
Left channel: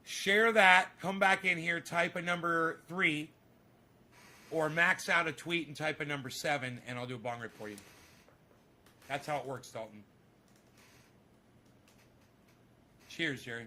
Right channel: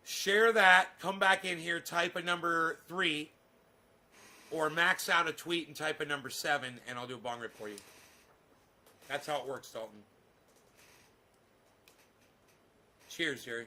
Share that, come back in here, type a number 3, or max out a tweet and type a number 7, and I'll do a bong rip for you. That's how it works, Dalton. Cheers, Jerry.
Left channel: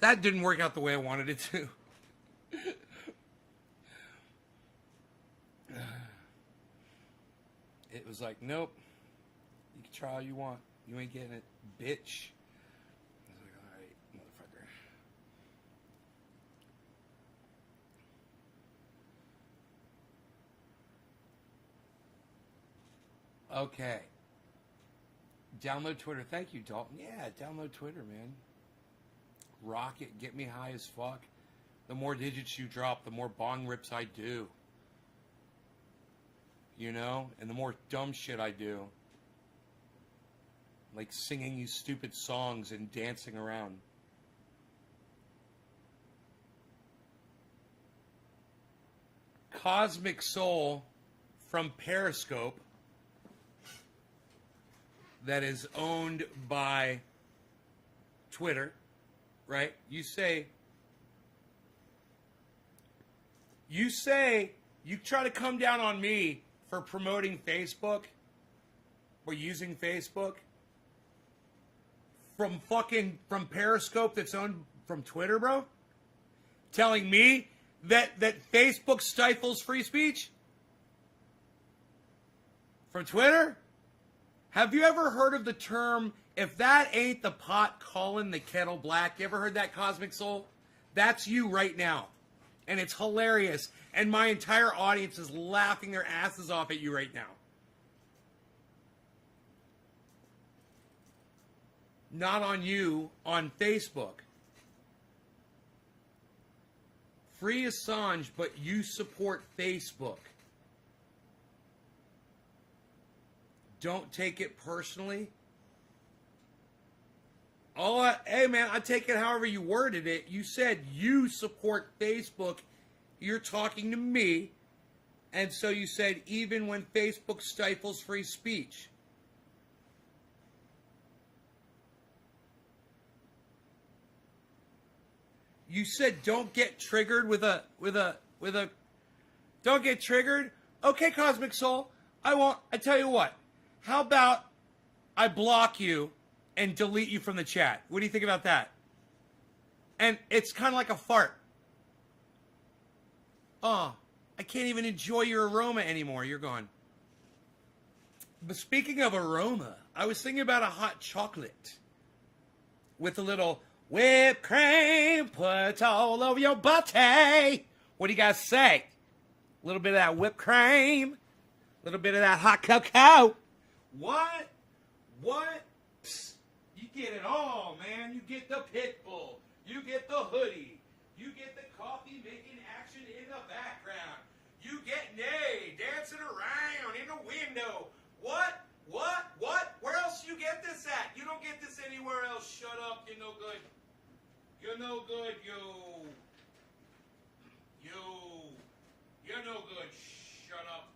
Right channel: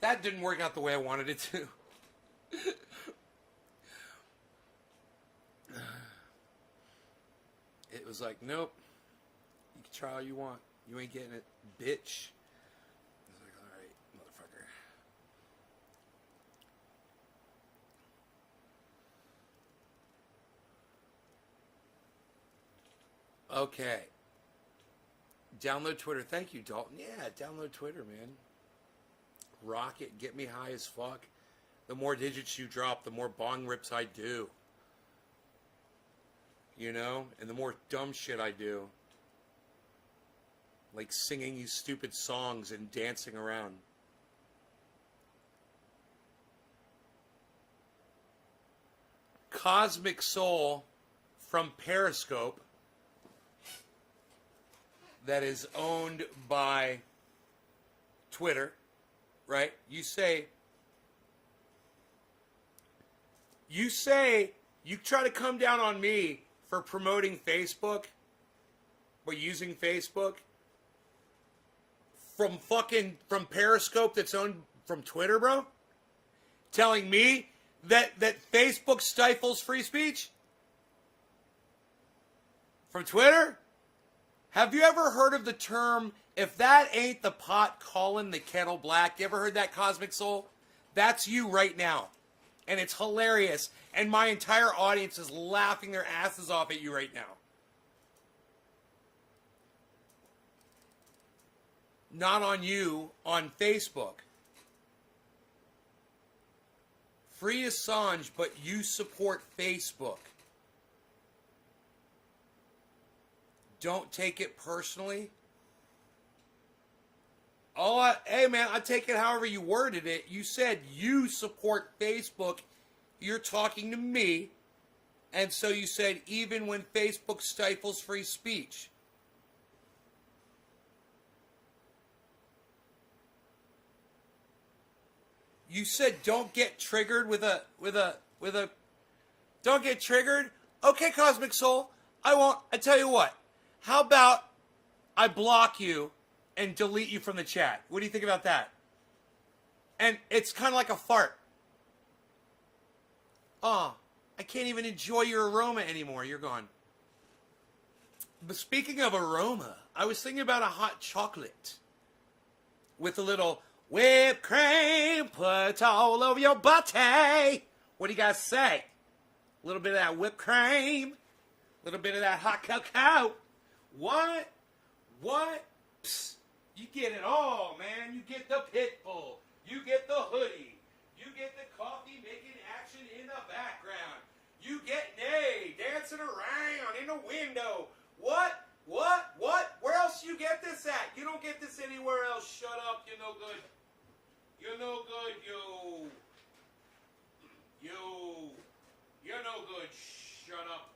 That didn't work out the way I wanted it to. It was like, nope. You can try all you want. You ain't getting it, bitch. I was like, all right, motherfucker. Okay. Download Twitter. Thank you, Dalton. Yeah, download Twitter, man. Rock it. Get me high as fuck. The more digits you drop, the more bong rips I do. You know? And the more dumb shit I do. Like singing these stupid songs and dancing around. Cosmic Soul from Periscope, that is owned by Twitter, right? You try to come down on me for promoting Facebook or using Facebook from Periscope that's owned from Twitter, bro? Telling me that Facebook stifles free speech? From Twitter? Have you ever heard of the term, if that ain't the pot calling the kettle black? You ever heard that, Cosmic Soul? That's you right now. And it's hilarious. And my entire audience is laughing their asses off at you right now. Not on you, on Facebook. Free Assange, but you support Facebook. Don't take it personally. Hey man, I take it however you worded it. You said you support Facebook. You're talking to me. And so you said even when Facebook stifles free speech. You said don't get triggered with a don't get triggered. Okay, Cosmic Soul. I won't. I tell you what. How about I block you and delete you from the chat? What do you think about that? And it's kind of like a fart. Oh, I can't even enjoy your aroma anymore. You're gone. But speaking of aroma, I was thinking about a hot chocolate with a little whipped cream put all over your body. What do you guys say? A little bit of that whipped cream, a little bit of that hot cocoa. What? Psst. You get it all, man. You get the pit bull. You get the hoodie. You get the coffee making action in the background. You get Nay dancing around in the window. What? Where else you get this at? You don't get this anywhere else. Shut up. You're no good. You're no good, yo. You're no good. Shut up.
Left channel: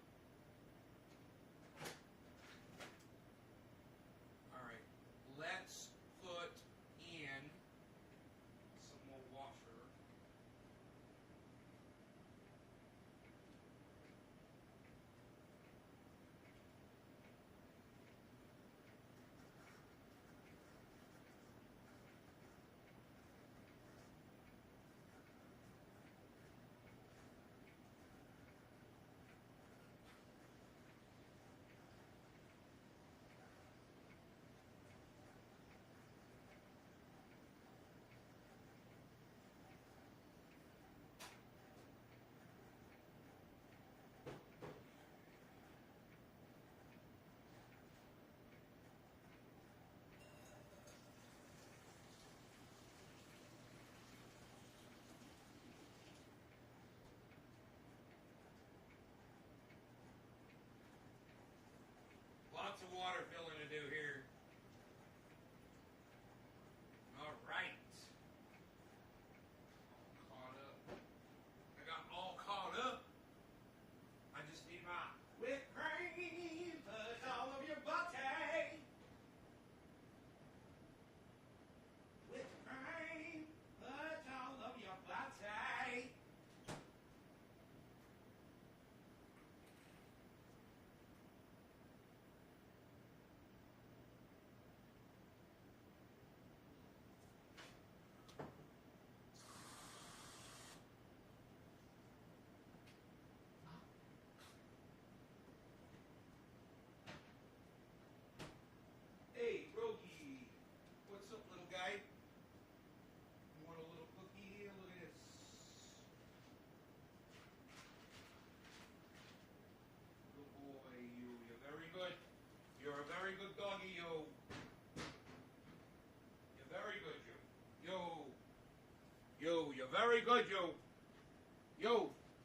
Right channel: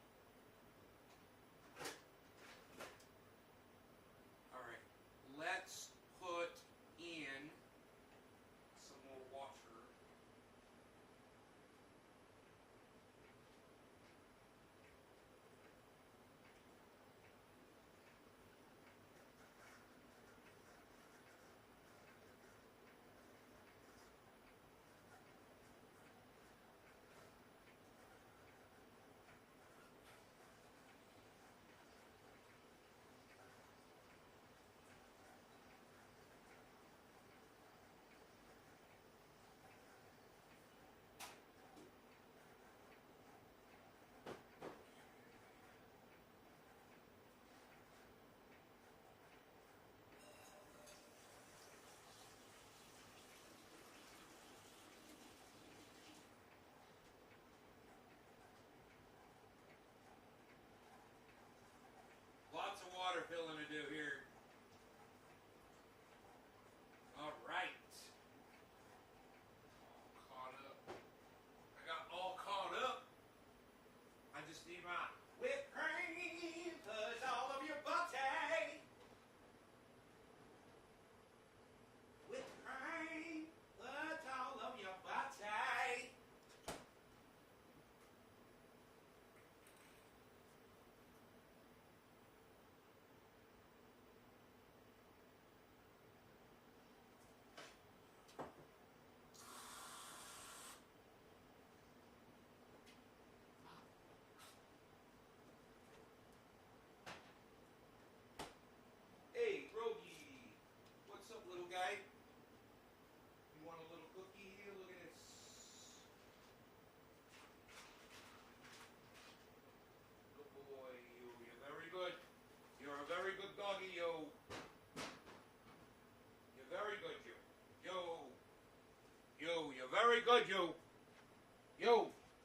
good, you.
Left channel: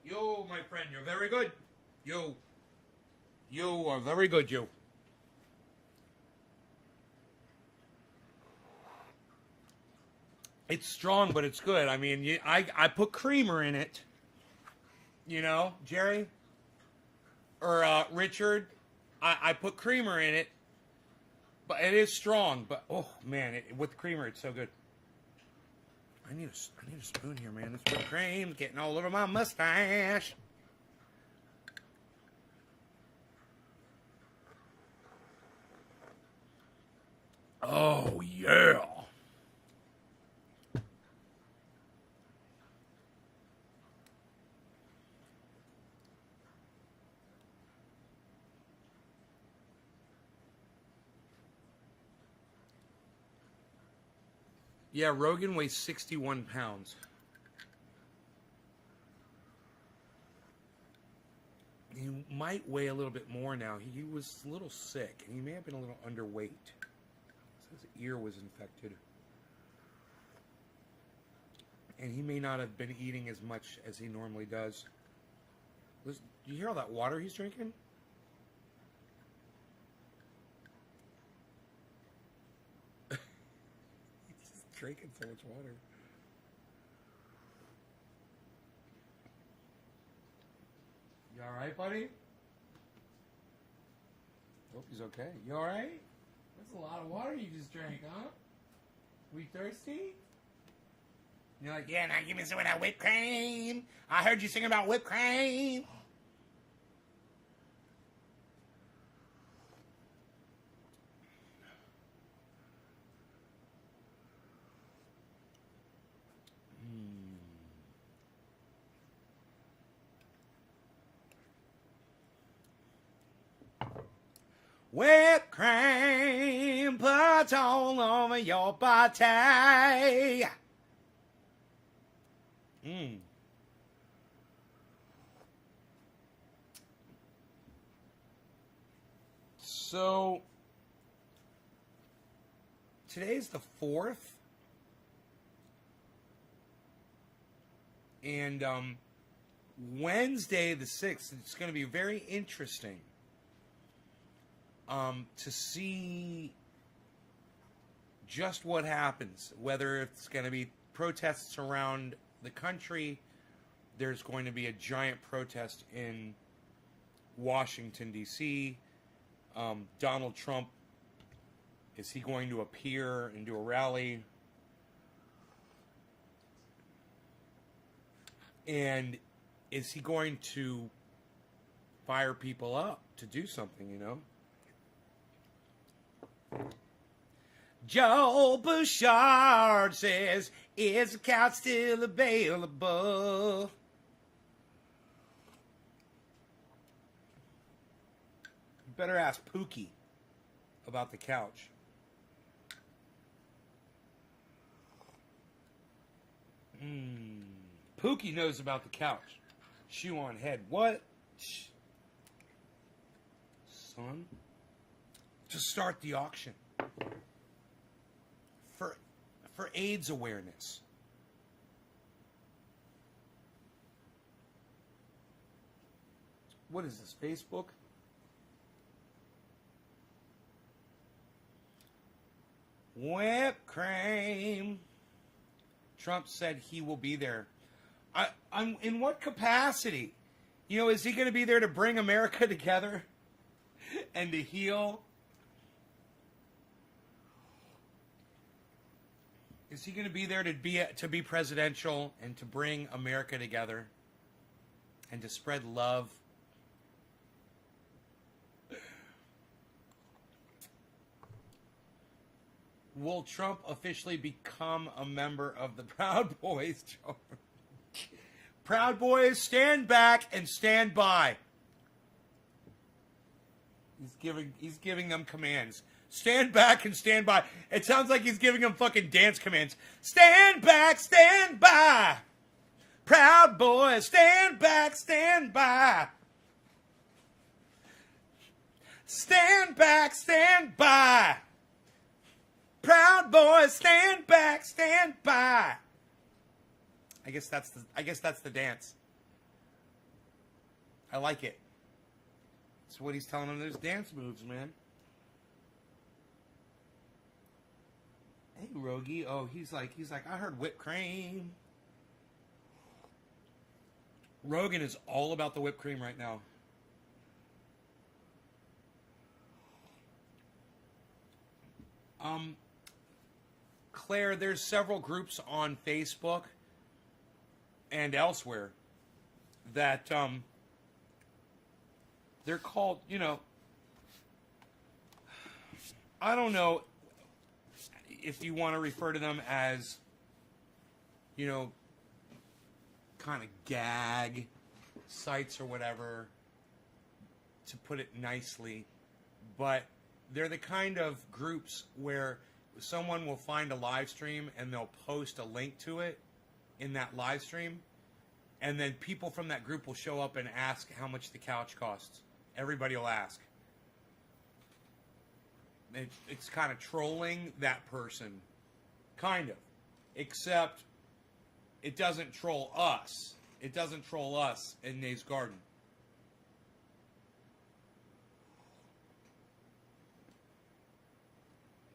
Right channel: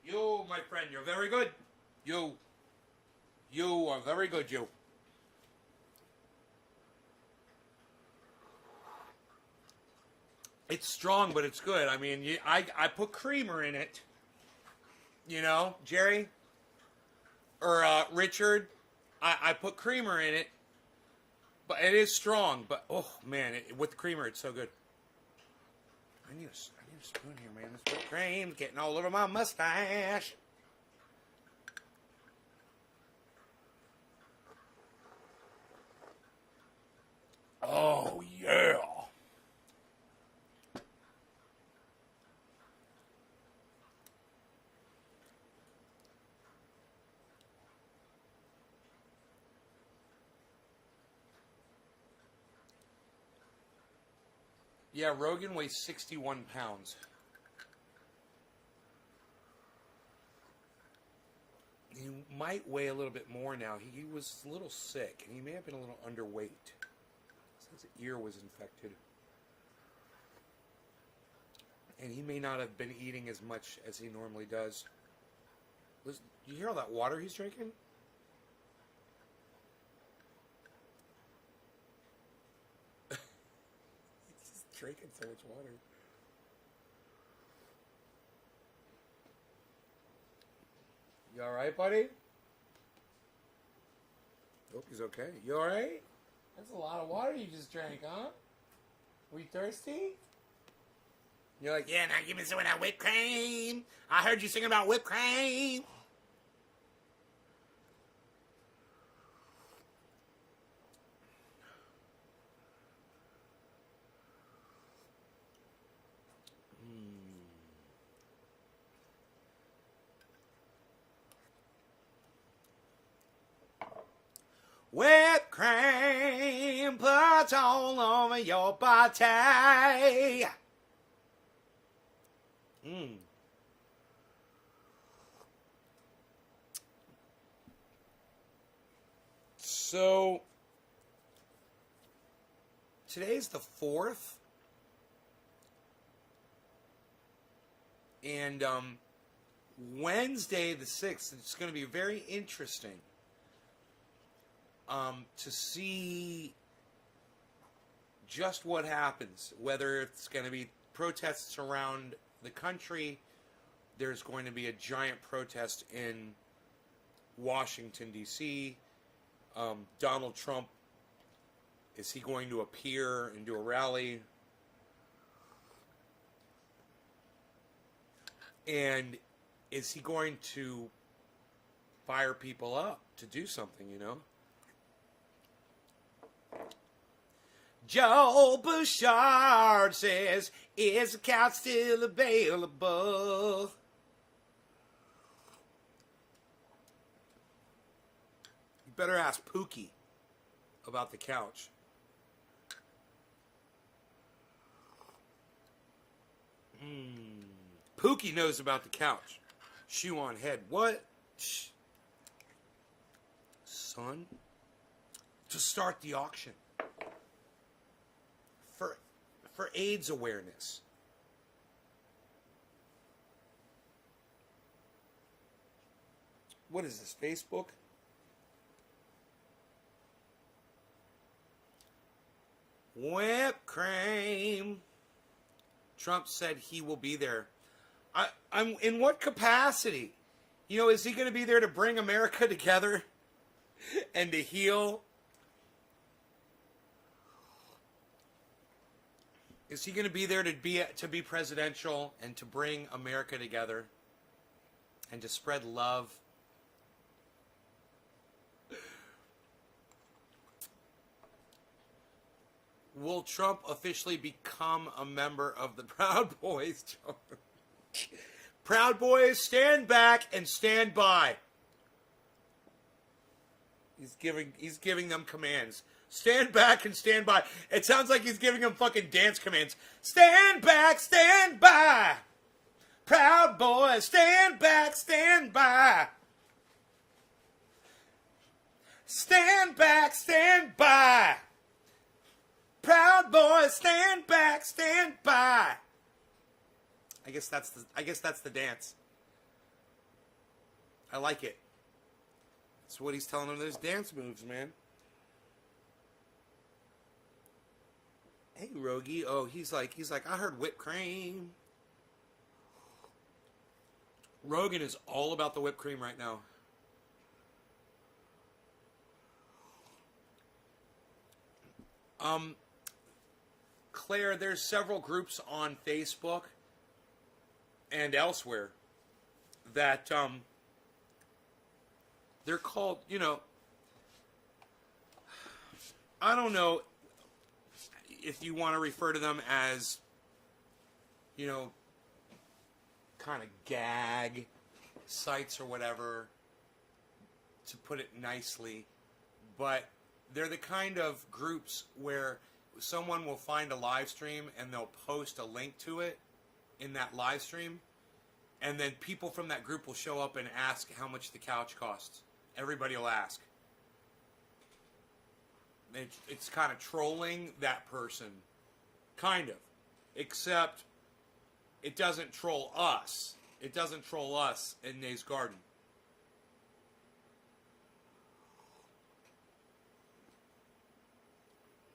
You, my friend, you're very good. You are very good, you. It's strong, but it's good. I mean, I put creamer in it. You know, Jerry? Or Richard? I put creamer in it. But it is strong. But, oh, man, with creamer, it's so good. I need a spoon here, man. This whipped cream's getting all over my mustache. Oh, yeah. Yeah, Rogan weighs 61 pounds. He might weigh a little bit more now. He was a little sick, and he may have been a little underweight. His ear was infected. And he may not have been eating as much as he normally does. Do you hear all that water he's drinking? Drinking so much water. You alright, buddy? Hope he's okay. You alright? That's a lot of water you just drank, huh? We thirsty? You're like, yeah, now give me some of that whipped cream. I heard you singing about whipped cream. Whipped cream put all over your body. So, today's the 4th. And Wednesday the 6th, it's going to be very interesting. To see just what happens, whether it's going to be protests around the country. There's going to be a giant protest in Washington, D.C. Donald Trump, is he going to appear and do a rally? And is he going to fire people up to do something, you know? Joe Bouchard says, is the couch still available? You better ask Pookie about the couch. Pookie knows about the couch. Shoe on head. What? Shh. Son? To start the auction. For AIDS awareness. What is this, Facebook? Whipped cream. Trump said he will be there. I'm in what capacity? You know, is he going to be there to bring America together and to heal? Is he going to be there to be presidential and to bring America together and to spread love? Will Trump officially become a member of the Proud Boys? Proud Boys, stand back and stand by. He's giving them commands. Stand back and stand by. It sounds like he's giving them fucking dance commands. Stand back, stand by. Proud Boys, stand back, stand by. Stand back, stand by. Proud Boys, stand back, stand by. I guess that's the dance. I like it. That's what he's telling them. Those dance moves, man. Hey, Rogie. Oh, he's like, I heard whipped cream. Rogan is all about the whipped cream right now. Claire, there's several groups on Facebook and elsewhere that they're called, I don't know if you want to refer to them as, kind of gag sites or whatever, to put it nicely, but they're the kind of groups where someone will find a live stream and they'll post a link to it in that live stream, and then people from that group will show up and ask how much the couch costs. Everybody will ask. It's kind of trolling that person. Kind of. Except it doesn't troll us. It doesn't troll us in Nays Garden.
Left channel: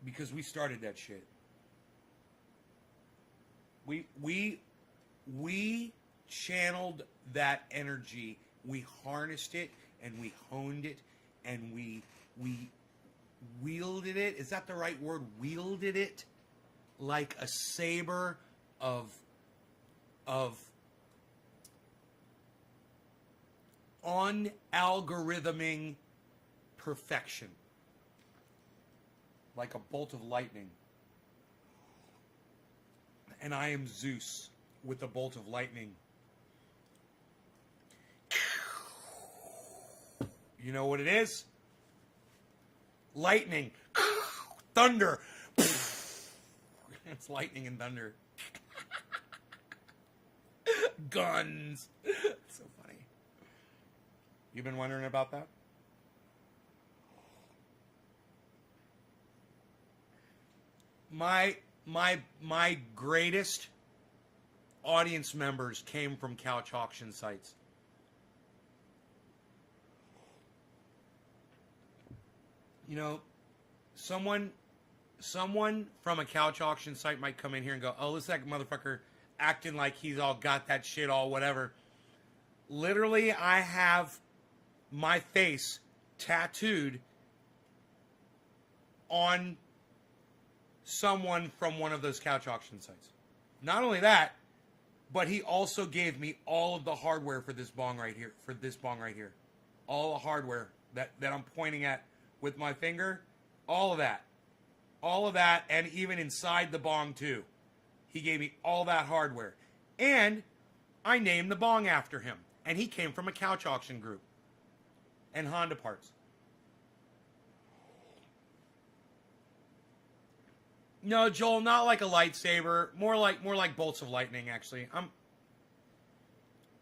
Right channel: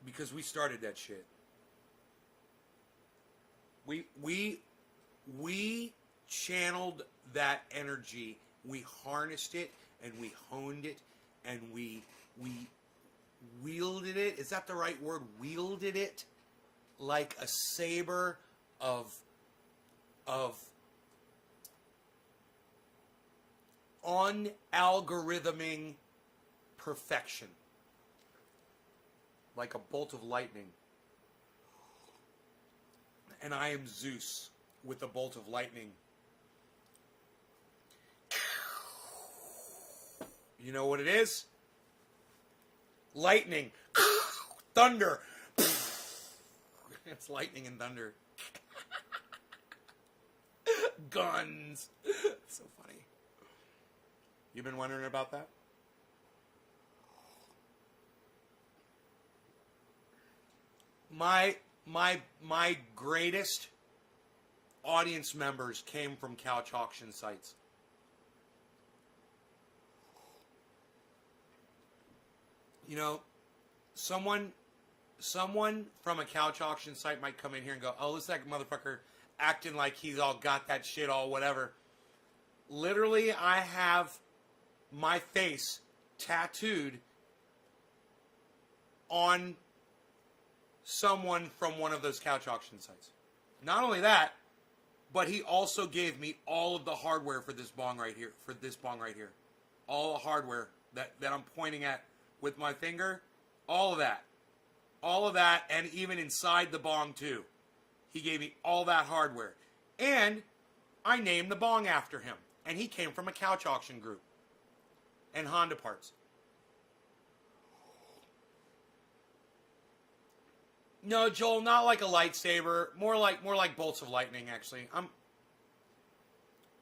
Because we started that shit. We channeled that energy. We harnessed it and we honed it and we wielded it. Is that the right word? Wielded it like a saber of unalgorithming perfection. Like a bolt of lightning. And I am Zeus with a bolt of lightning. You know what it is? Lightning. Thunder. It's lightning and thunder. Guns. So funny. You've been wondering about that? My greatest audience members came from couch auction sites. Someone from a couch auction site might come in here and go, "Oh, this that motherfucker acting like he's all got that shit all whatever." Literally, I have my face tattooed on someone from one of those couch auction sites. Not only that, but he also gave me all of the hardware for this bong right here. All the hardware that I'm pointing at with my finger. All of that. And even inside the bong too. He gave me all that hardware. And I named the bong after him. And he came from a couch auction group. And Honda parts. No, Joel, not like a lightsaber. More like bolts of lightning, actually.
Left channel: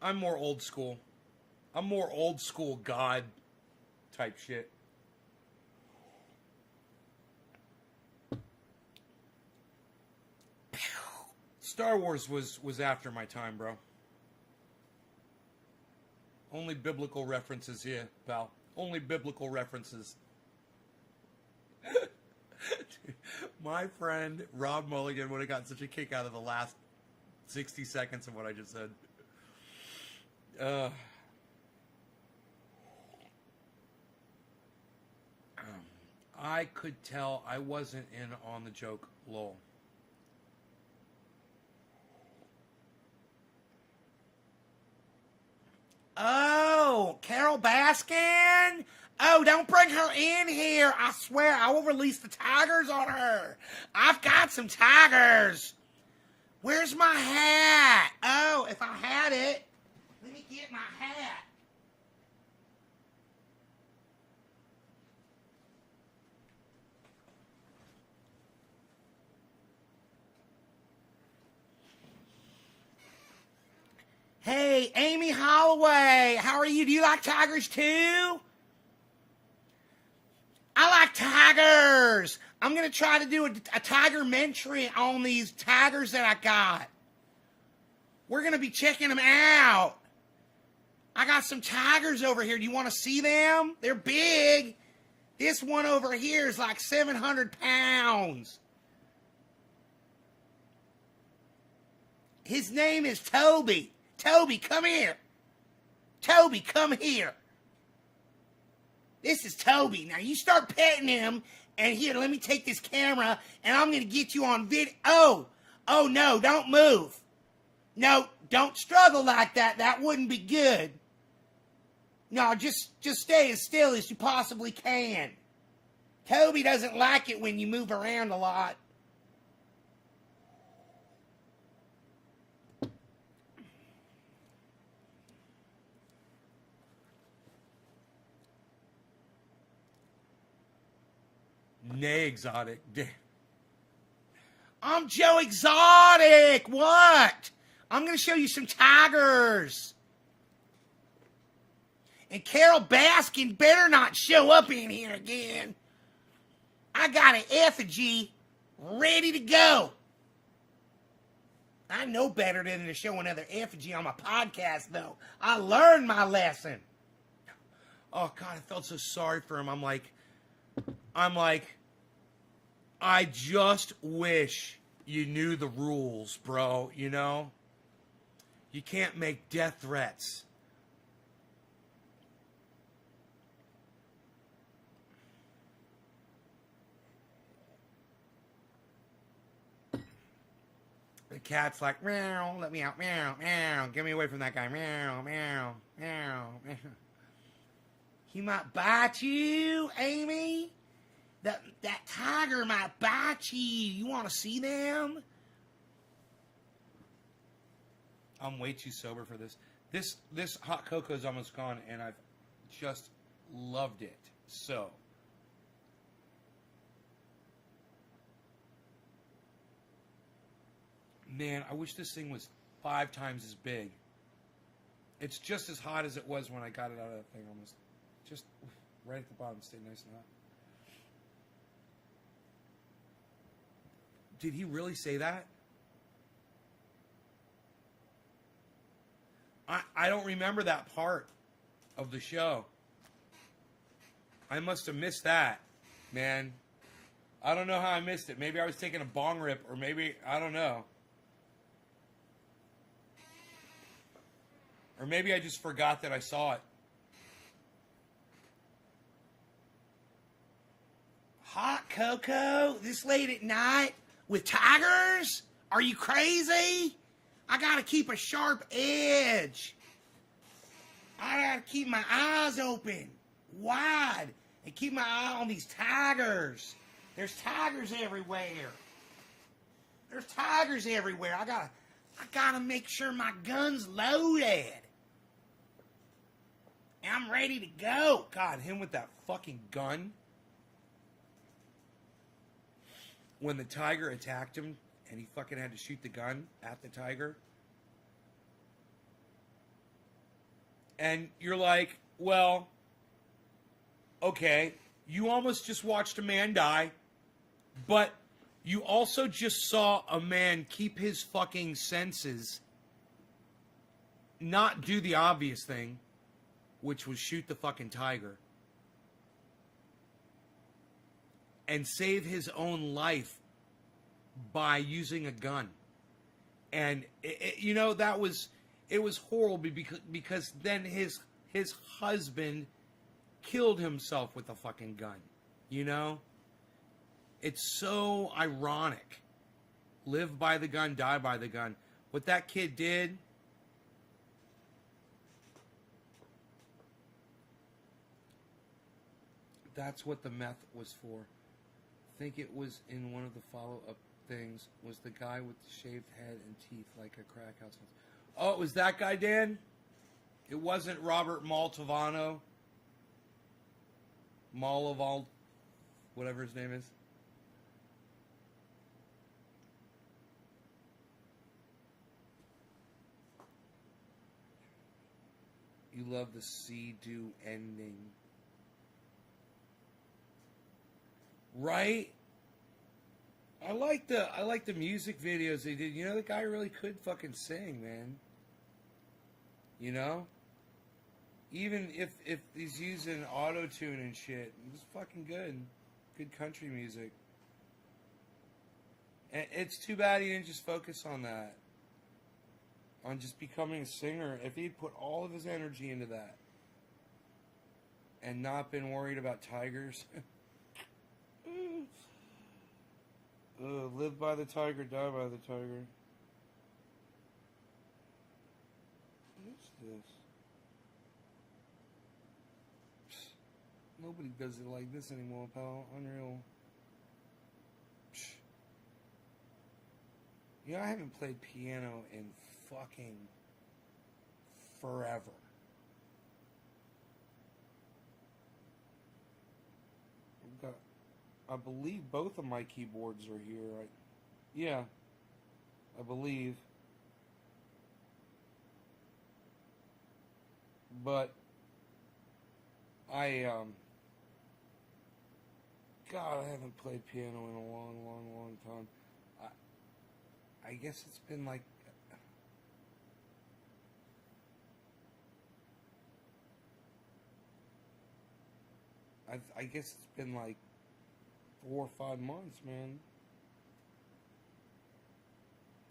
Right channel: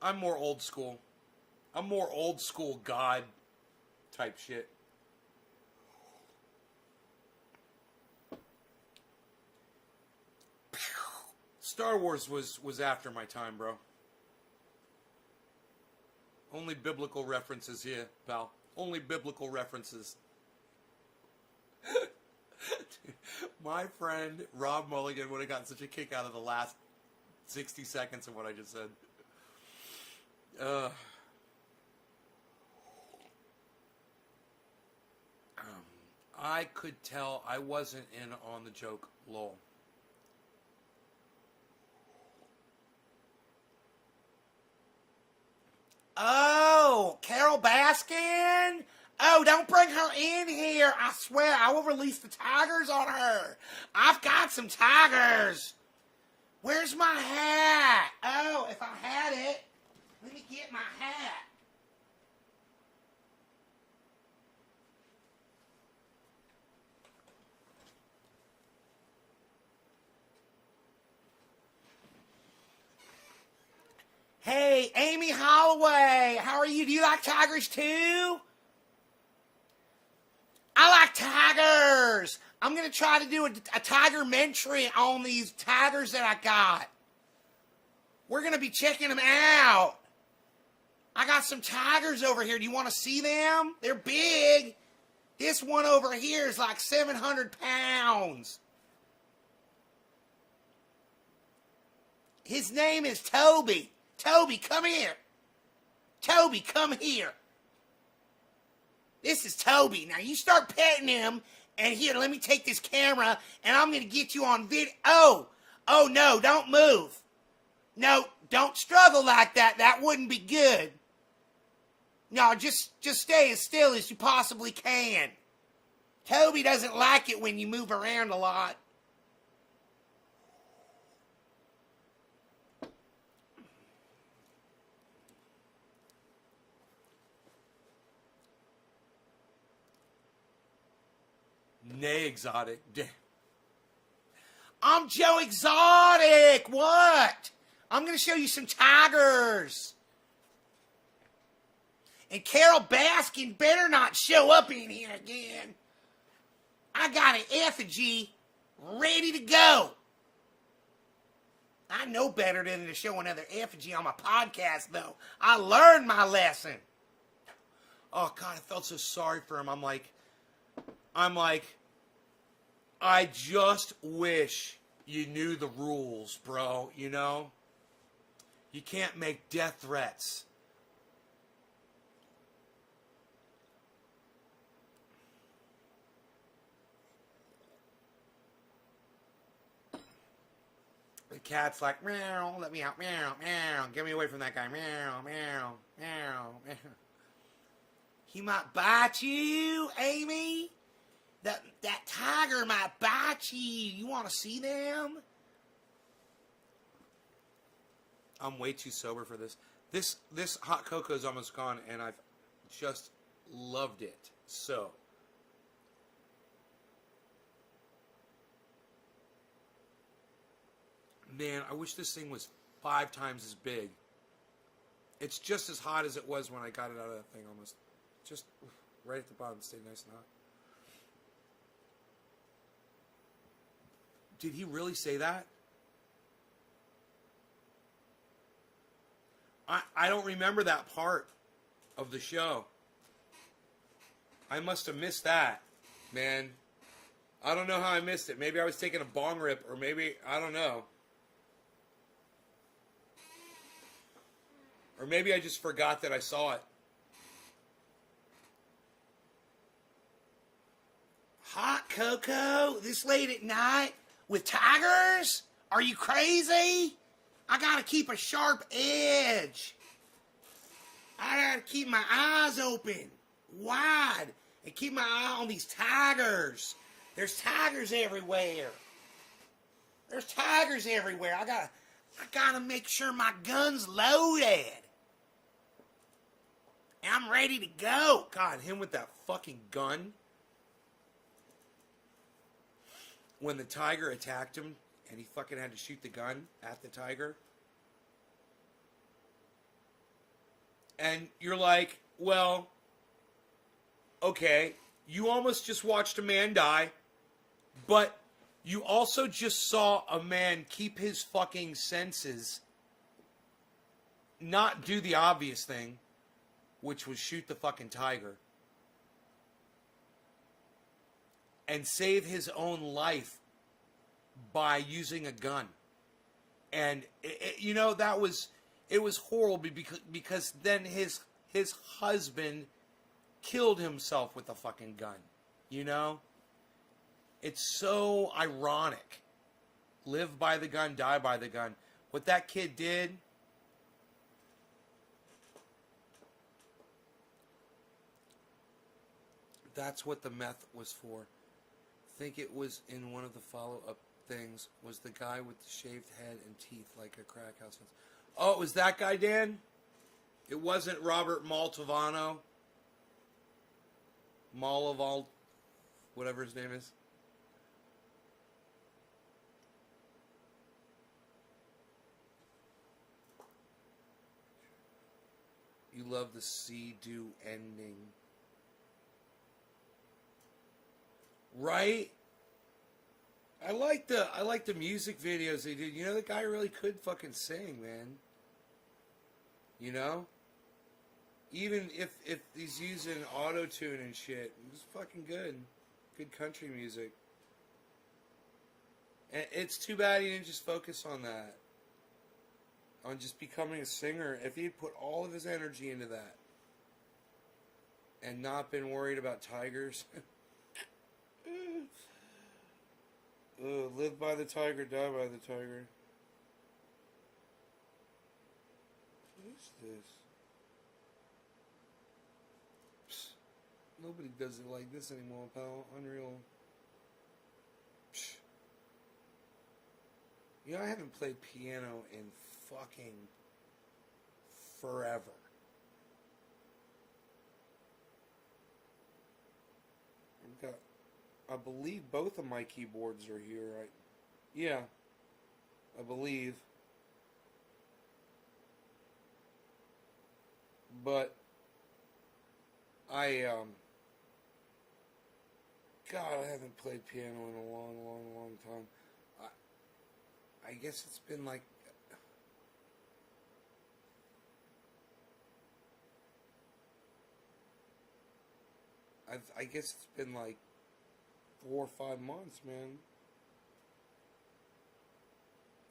I'm more old school. I'm more old school God type shit. Star Wars was after my time, bro. Only biblical references here, pal. Only biblical references. Dude, my friend Rob Mulligan would have gotten such a kick out of the last 60 seconds of what I just said. I could tell I wasn't in on the joke, lol. Oh, Carol Baskin? Oh, don't bring her in here. I swear I will release the tigers on her. I've got some tigers. Where's my hat? Oh, if I had it, let me get my hat. Hey, Amy Holloway, how are you? Do you like tigers too? I like tigers. I'm going to try to do a tiger-mentary on these tigers that I got. We're going to be checking them out. I got some tigers over here. Do you want to see them? They're big. This one over here is like 700 pounds. His name is Toby. Toby, come here. Toby, come here. This is Toby. Now you start petting him, and here, let me take this camera, and I'm going to get you on video. Oh, no, don't move. No, don't struggle like that. That wouldn't be good. No, just stay as still as you possibly can. Toby doesn't like it when you move around a lot. Nay, Exotic. I'm Joe Exotic. What? I'm going to show you some tigers. And Carol Baskin better not show up in here again. I got an effigy ready to go. I know better than to show another effigy on my podcast, though. I learned my lesson. Oh, God, I felt so sorry for him. I'm like, I just wish you knew the rules, bro, you know? You can't make death threats. The cat's like, meow, let me out, meow, meow, get me away from that guy, meow, meow, meow, meow. He might bite you, Amy. That tiger might bite you. You want to see them? I'm way too sober for this. This hot cocoa is almost gone, and I've just loved it. So, man, I wish this thing was 5 times as big. It's just as hot as it was when I got it out of that thing, almost. Just right at the bottom, stay nice and hot. Did he really say that? I don't remember that part of the show. I must have missed that, man. I don't know how I missed it. Maybe I was taking a bong rip, or maybe, I don't know. Or maybe I just forgot that I saw it. Hot cocoa this late at night with tigers? Are you crazy? I gotta keep a sharp edge. I gotta keep my eyes open, wide, and keep my eye on these tigers. There's tigers everywhere. There's tigers everywhere. I gotta make sure my gun's loaded. I'm ready to go. God, him with that fucking gun. When the tiger attacked him and he fucking had to shoot the gun at the tiger. And you're like, well, okay, you almost just watched a man die, but you also just saw a man keep his fucking senses, not do the obvious thing, which was shoot the fucking tiger, and save his own life by using a gun. And you know, it was horrible because then his husband killed himself with a fucking gun. You know, it's so ironic. Live by the gun, die by the gun. What that kid did. That's what the meth was for. I think it was in one of the follow-up things, was the guy with the shaved head and teeth like a crack house. Oh, it was that guy, Dan? It wasn't Robert Maltovano? Malaval, whatever his name is. You love the see-do ending. Right? I like the music videos they did. You know, the guy really could fucking sing, man. You know? Even if he's using auto tune and shit, it's fucking good. Good country music. And it's too bad he didn't just focus on that. On just becoming a singer. If he'd put all of his energy into that. And not been worried about tigers. Live by the tiger, die by the tiger. What is this? Psst. Nobody does it like this anymore, pal. Unreal. Psst. You know, I haven't played piano in fucking forever. I've got, I believe both of my keyboards are here. Yeah, I believe. But God, I haven't played piano in a long, long, long time. I guess it's been like I guess it's been like 4 or 5 months, man.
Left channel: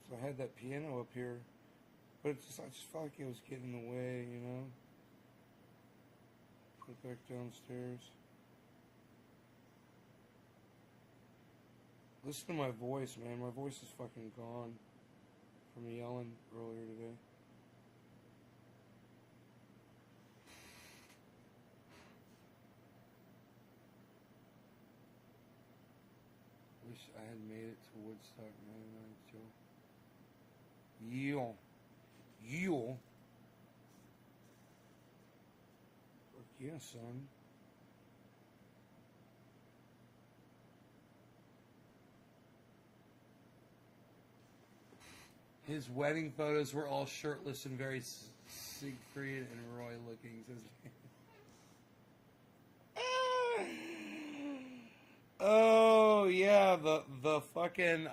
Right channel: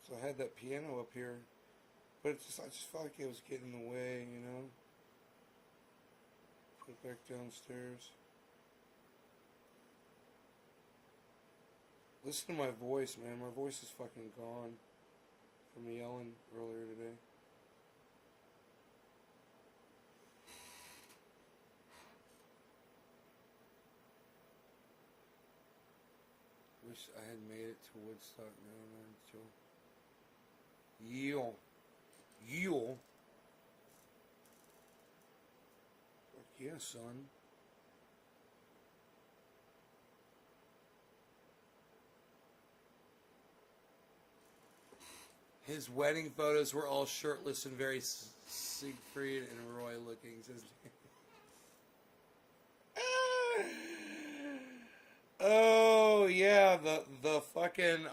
So I had that piano up here, but it's just, I just felt like it was getting in the way, you know. Put it back downstairs. Listen to my voice, man. My voice is fucking gone from yelling earlier today. Wish I had made it to Woodstock, man. Joe. Yeel. Yeel. Fuck yeah, son. His wedding photos were all shirtless and very Siegfried and Roy looking. Says oh yeah, the fucking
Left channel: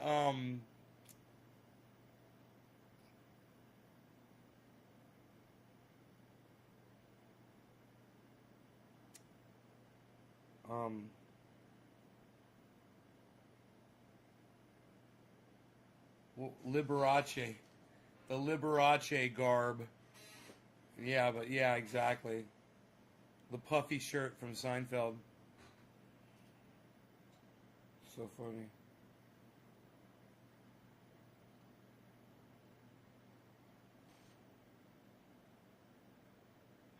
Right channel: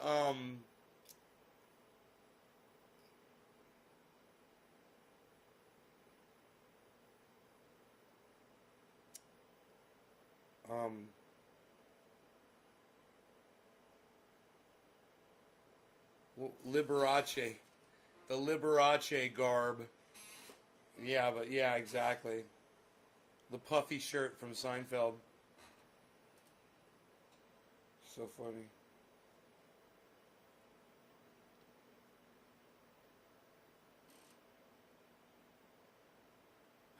Liberace, the Liberace garb. Yeah, but yeah, exactly. The puffy shirt from Seinfeld. So funny.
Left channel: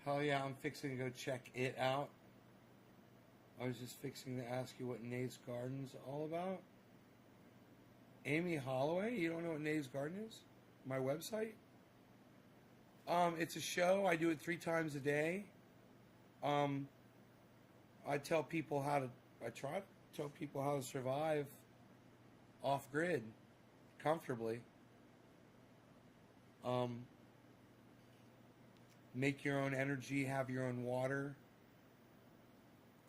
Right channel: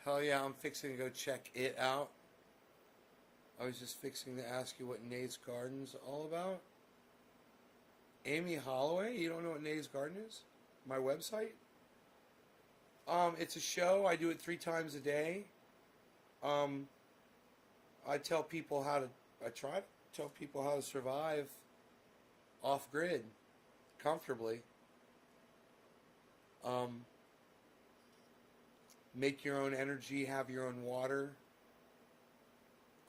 Hell yeah, I'm fixing to go check it out. I was just fixing to ask you what Nate's Garden's all about. Amy Holloway? You don't know what Nate's Garden is? My website? It's a show. I do it 3 times a day. I tell people how to. I try to tell people how to survive off grid comfortably. Make your own energy, have your own water,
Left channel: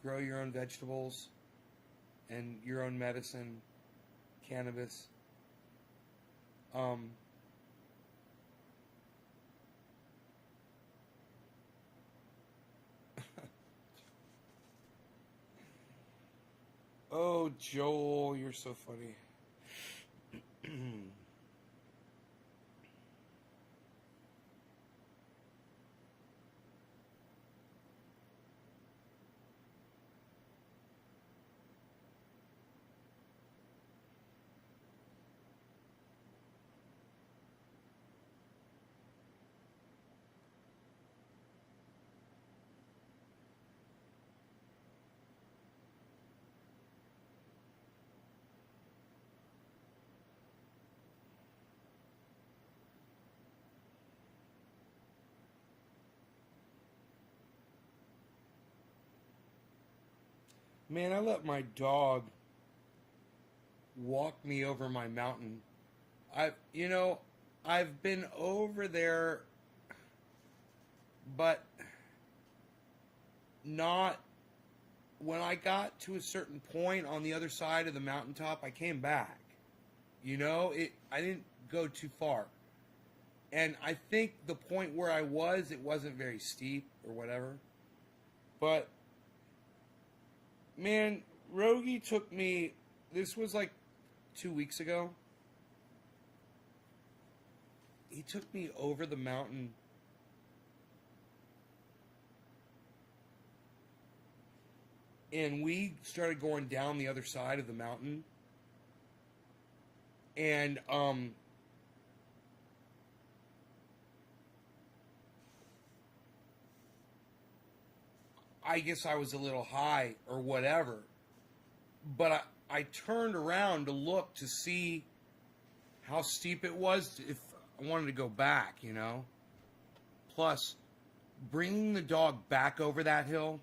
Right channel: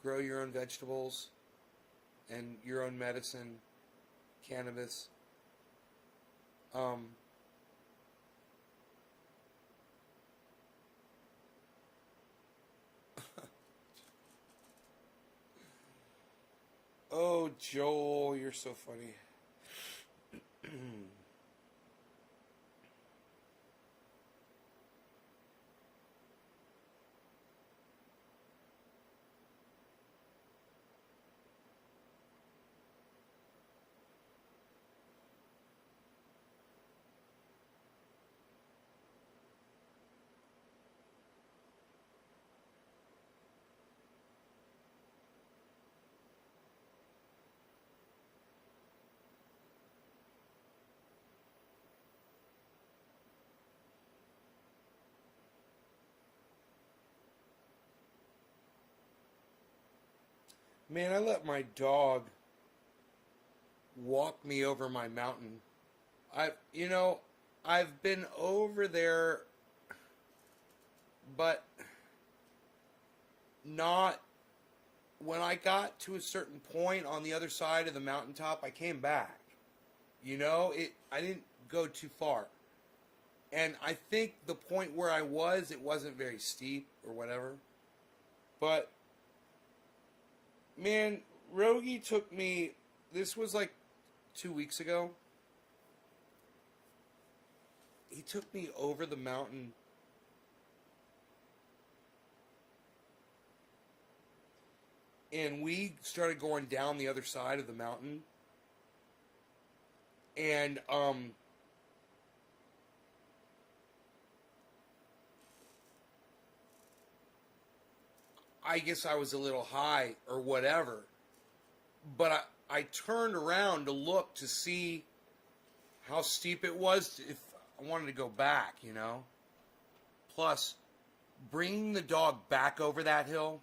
grow your own vegetables, and your own medicine, cannabis. Oh, Joel, you're so funny. Man, I let my dog walk me over my mountain. I've been over there, but not when I got to a certain point on the other side of the mountaintop, I came back. You know, I didn't go too far. And I think the point where I was, it wasn't very steep or whatever. But, man, Rogie took me, this was like 2 weeks ago. He took me over the mountain. And we started going down the other side of the mountain. And, I guess I was a little high or whatever. But I turned around to look to see how steep it was if I wanted to go back, you know. Plus, bringing the dog back over that hill,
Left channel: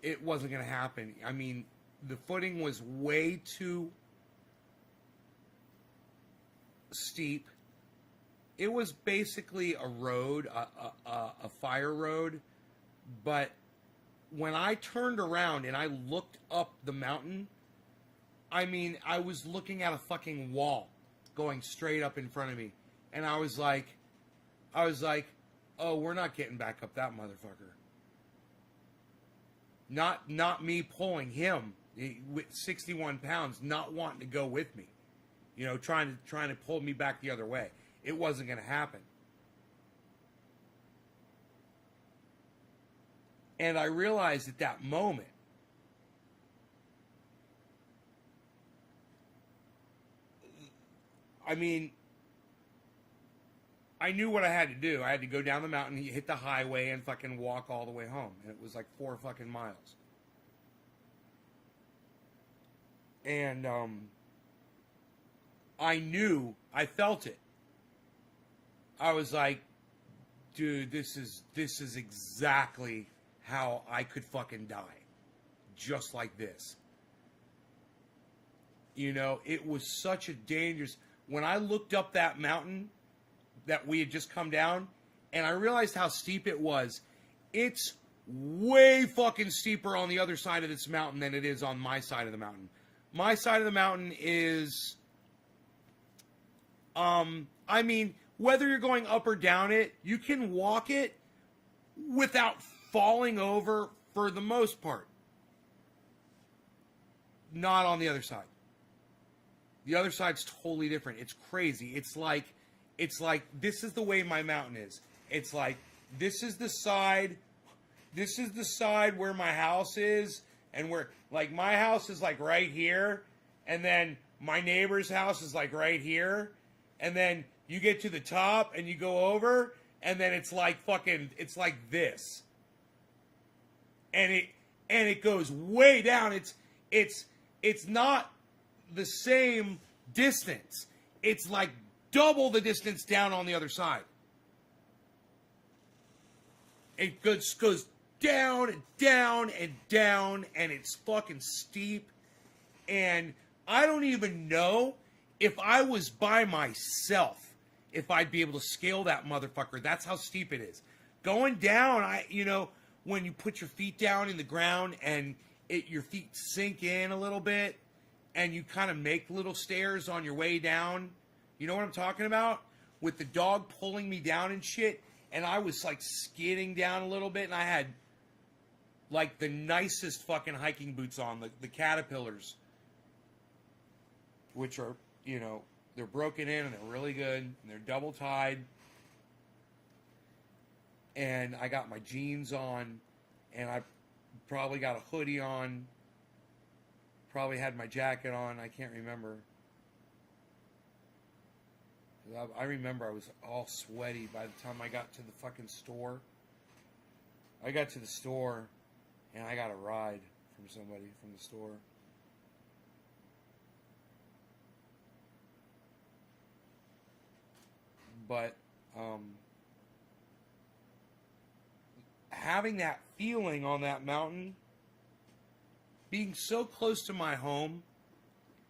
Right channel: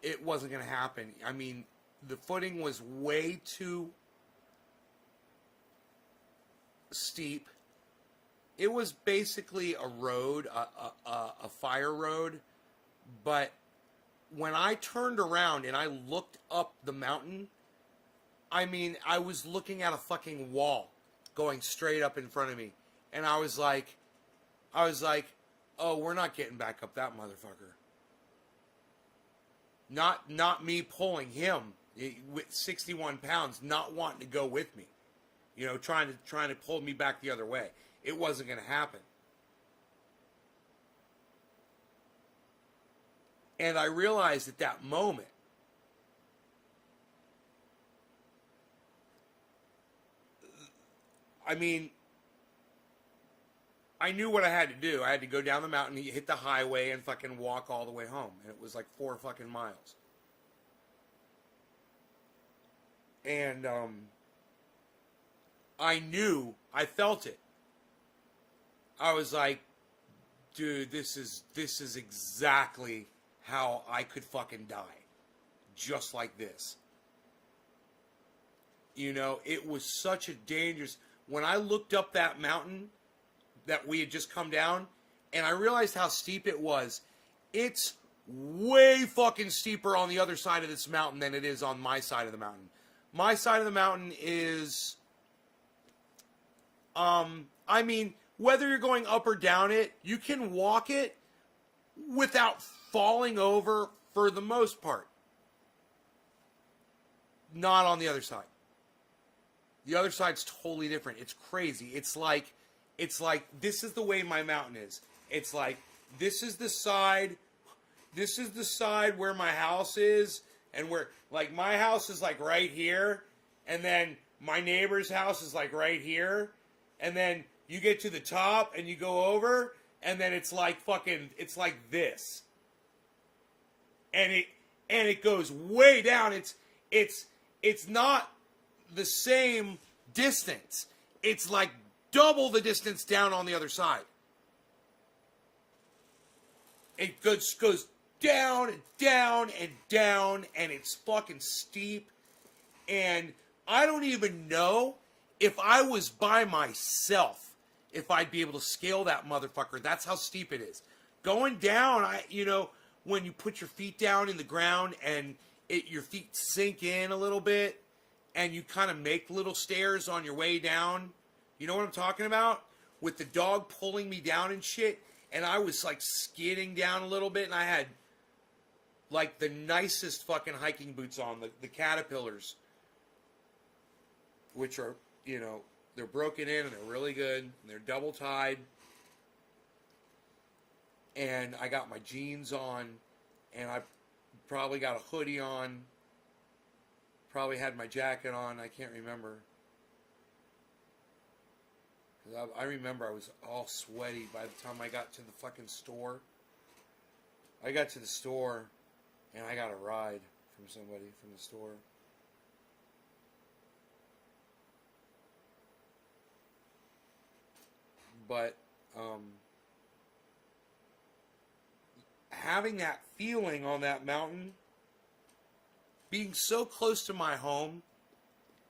it wasn't going to happen. I mean, the footing was way too steep. It was basically a road, a fire road. But when I turned around and I looked up the mountain, I mean, I was looking at a fucking wall going straight up in front of me. And I was like, oh, we're not getting back up that motherfucker. Not me pulling him with 61 pounds, not wanting to go with me. You know, trying to pull me back the other way. It wasn't going to happen. And I realized at that moment, I mean, I knew what I had to do. I had to go down the mountain, hit the highway, and fucking walk all the way home. And it was like 4 fucking miles. And I knew, I felt it. I was like, dude, this is exactly how I could fucking die. Just like this. You know, it was such a dangerous... When I looked up that mountain that we had just come down, and I realized how steep it was, it's way fucking steeper on the other side of this mountain than it is on my side of the mountain. My side of the mountain is... I mean, whether you're going up or down it, you can walk it without falling over for the most part. Not on the other side. The other side's totally different. It's crazy. It's like this is the way my mountain is. It's like this is the side where my house is, and where like my house is like right here, and then my neighbor's house is like right here, and then you get to the top and you go over, and then it's like this. And it goes way down. It's not the same distance. It's like double the distance down on the other side. It goes down and down and down, and it's fucking steep. And I don't even know if I was by myself if I'd be able to scale that motherfucker. That's how steep it is. Going down, when you put your feet down in the ground and your feet sink in a little bit, and you kind of make little stairs on your way down. You know what I'm talking about? With the dog pulling me down and shit, and I was like skidding down a little bit, and I had like the nicest fucking hiking boots on, the Caterpillars, which are, they're broken in and they're really good, and they're double tied. And I got my jeans on, and I probably got a hoodie on. Probably had my jacket on. I can't remember. I remember I was all sweaty by the time I got to the fucking store. I got to the store, and I got a ride from somebody from the store. But having that feeling on that mountain, being so close to my home,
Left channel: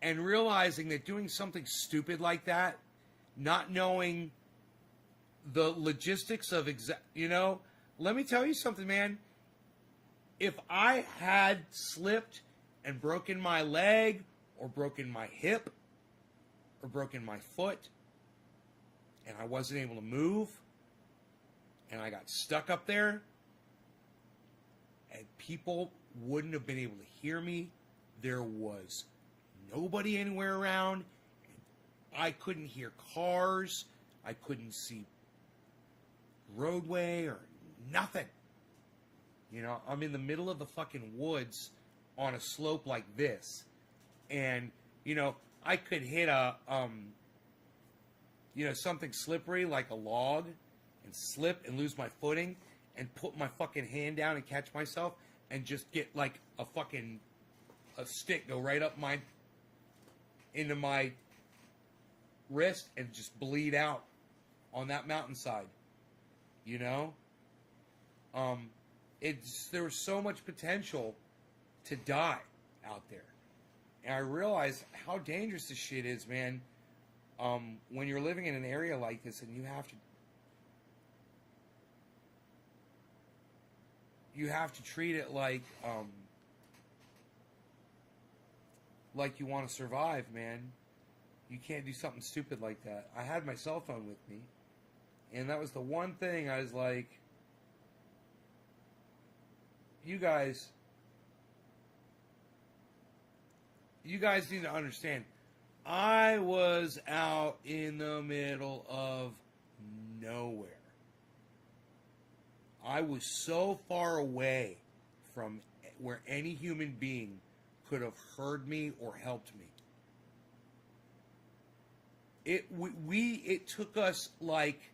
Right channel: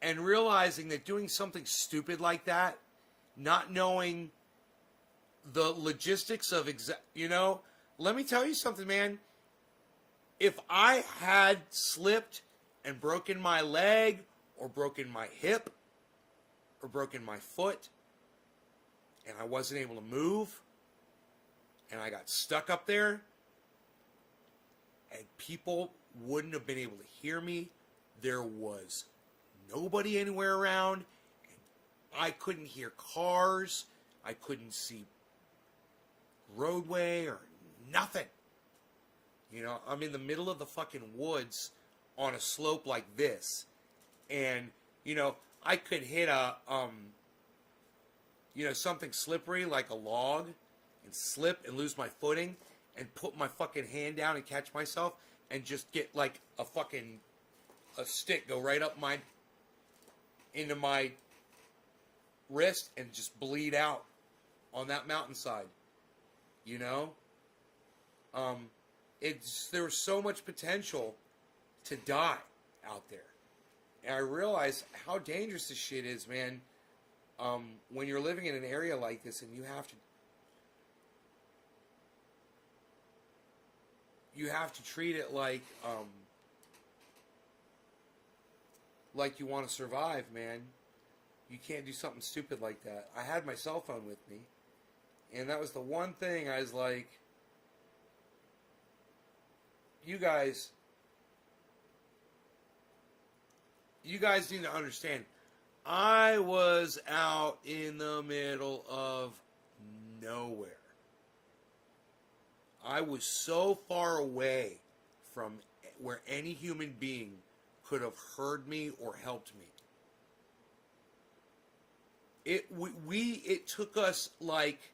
and realizing that doing something stupid like that, not knowing the logistics of let me tell you something, man. if I had slipped and broken my leg or broken my hip or broken my foot and I wasn't able to move and I got stuck up there and people wouldn't have been able to hear me, there was nobody anywhere around, I couldn't hear cars, I couldn't see roadway or nothing. You know, I'm in the middle of the fucking woods on a slope like this, and you know, I could hit a something slippery like a log and slip and lose my footing and put my fucking hand down and catch myself and just get like a stick go right up into my wrist and just bleed out on that mountainside. You know? There's so much potential to die out there. And I realize how dangerous this shit is, man. When you're living in an area like this and you have to treat it like you want to survive, man. You can't do something stupid like that. I had my cell phone with me, and that was the one thing I was like, you guys need to understand. I was out in the middle of nowhere. I was so far away from where any human being could have heard me or helped me. It took us like,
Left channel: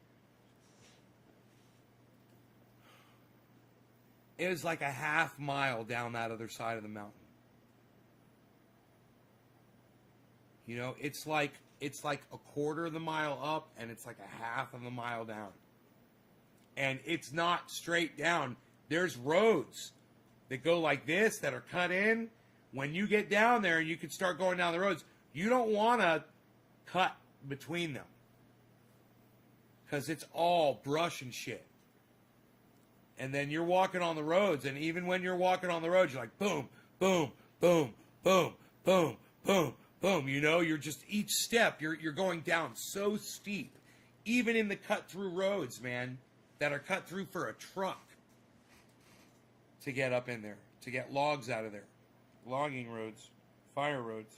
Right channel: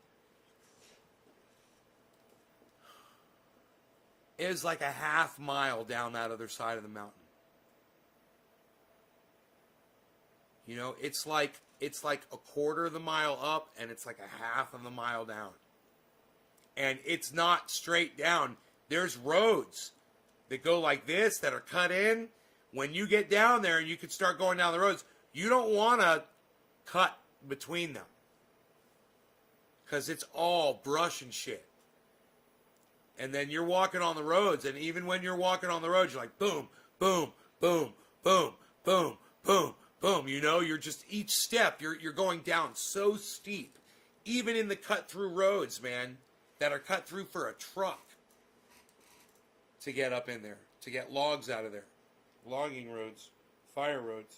it was like a half mile down that other side of the mountain. You know, it's like a quarter of the mile up and it's like a half of the mile down. And it's not straight down. There's roads that go like this that are cut in. When you get down there and you can start going down the roads, you don't want to cut between them. Because it's all brush and shit. And then you're walking on the roads, and even when you're walking on the roads, you're like, boom, boom, boom, boom, boom, boom, boom. You know, you're just, each step, you're going down so steep. Even in the cut-through roads, man, that are cut through for a truck to get up in there, to get logs out of there. Logging roads, fire roads.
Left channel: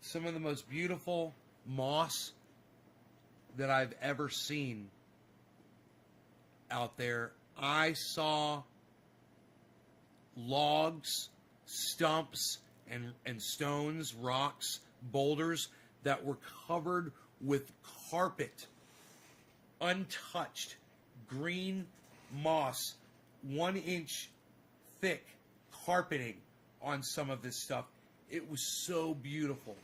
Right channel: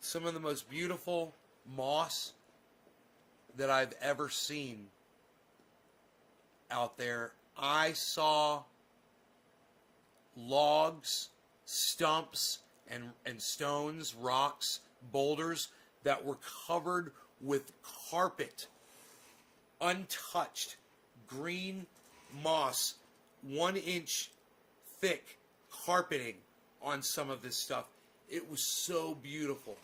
Some of the most beautiful moss that I've ever seen out there. I saw logs, stumps, and stones, rocks, boulders that were covered with carpet, untouched, green moss, 1 inch thick carpeting on some of this stuff. It was so beautiful.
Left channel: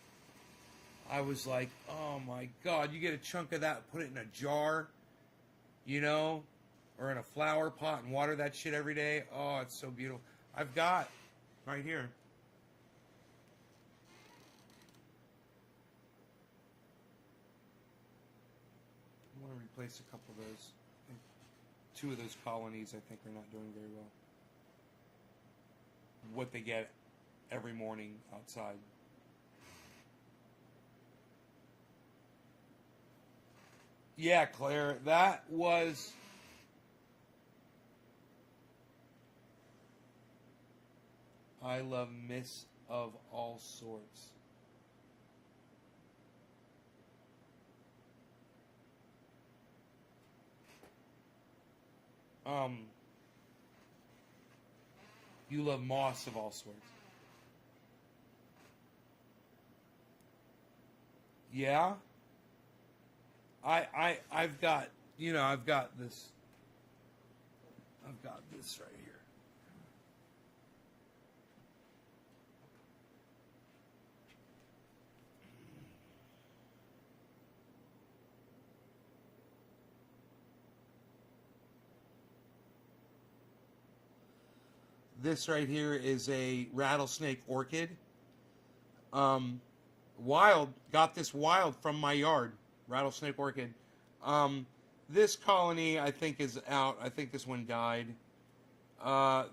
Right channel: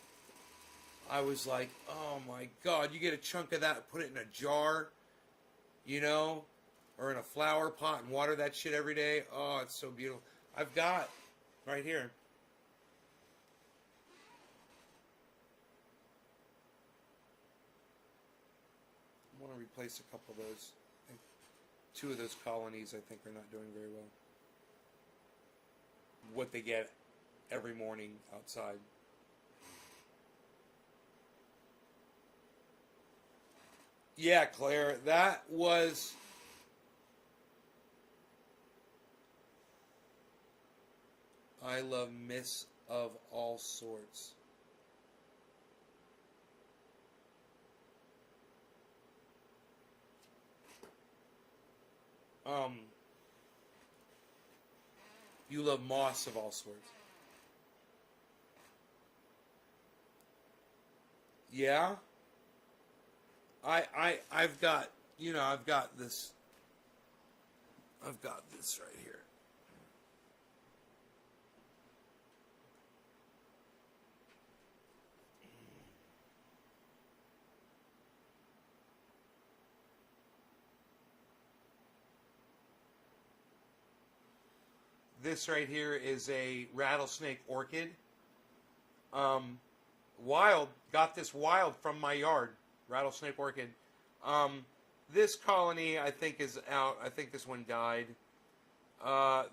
I was like, oh my God, you get a chunk of that, put it in a jar, you know, or in a flower pot and water that shit every day. Oh, it's so beautiful. I've got right here. I want to replace a couple of those. 2 of those colonies, I think, are not doing very well. What they get every morning outside. Yeah, Claire, that was... I love myths of all sorts. You love moss of all sorts. Yeah? I've got, you know, I've got this right here. This right here is a rattlesnake orchid. Wild. Got this wild from my yard. Rattlesnake orchid. This colony, I think, is out. I think this one died.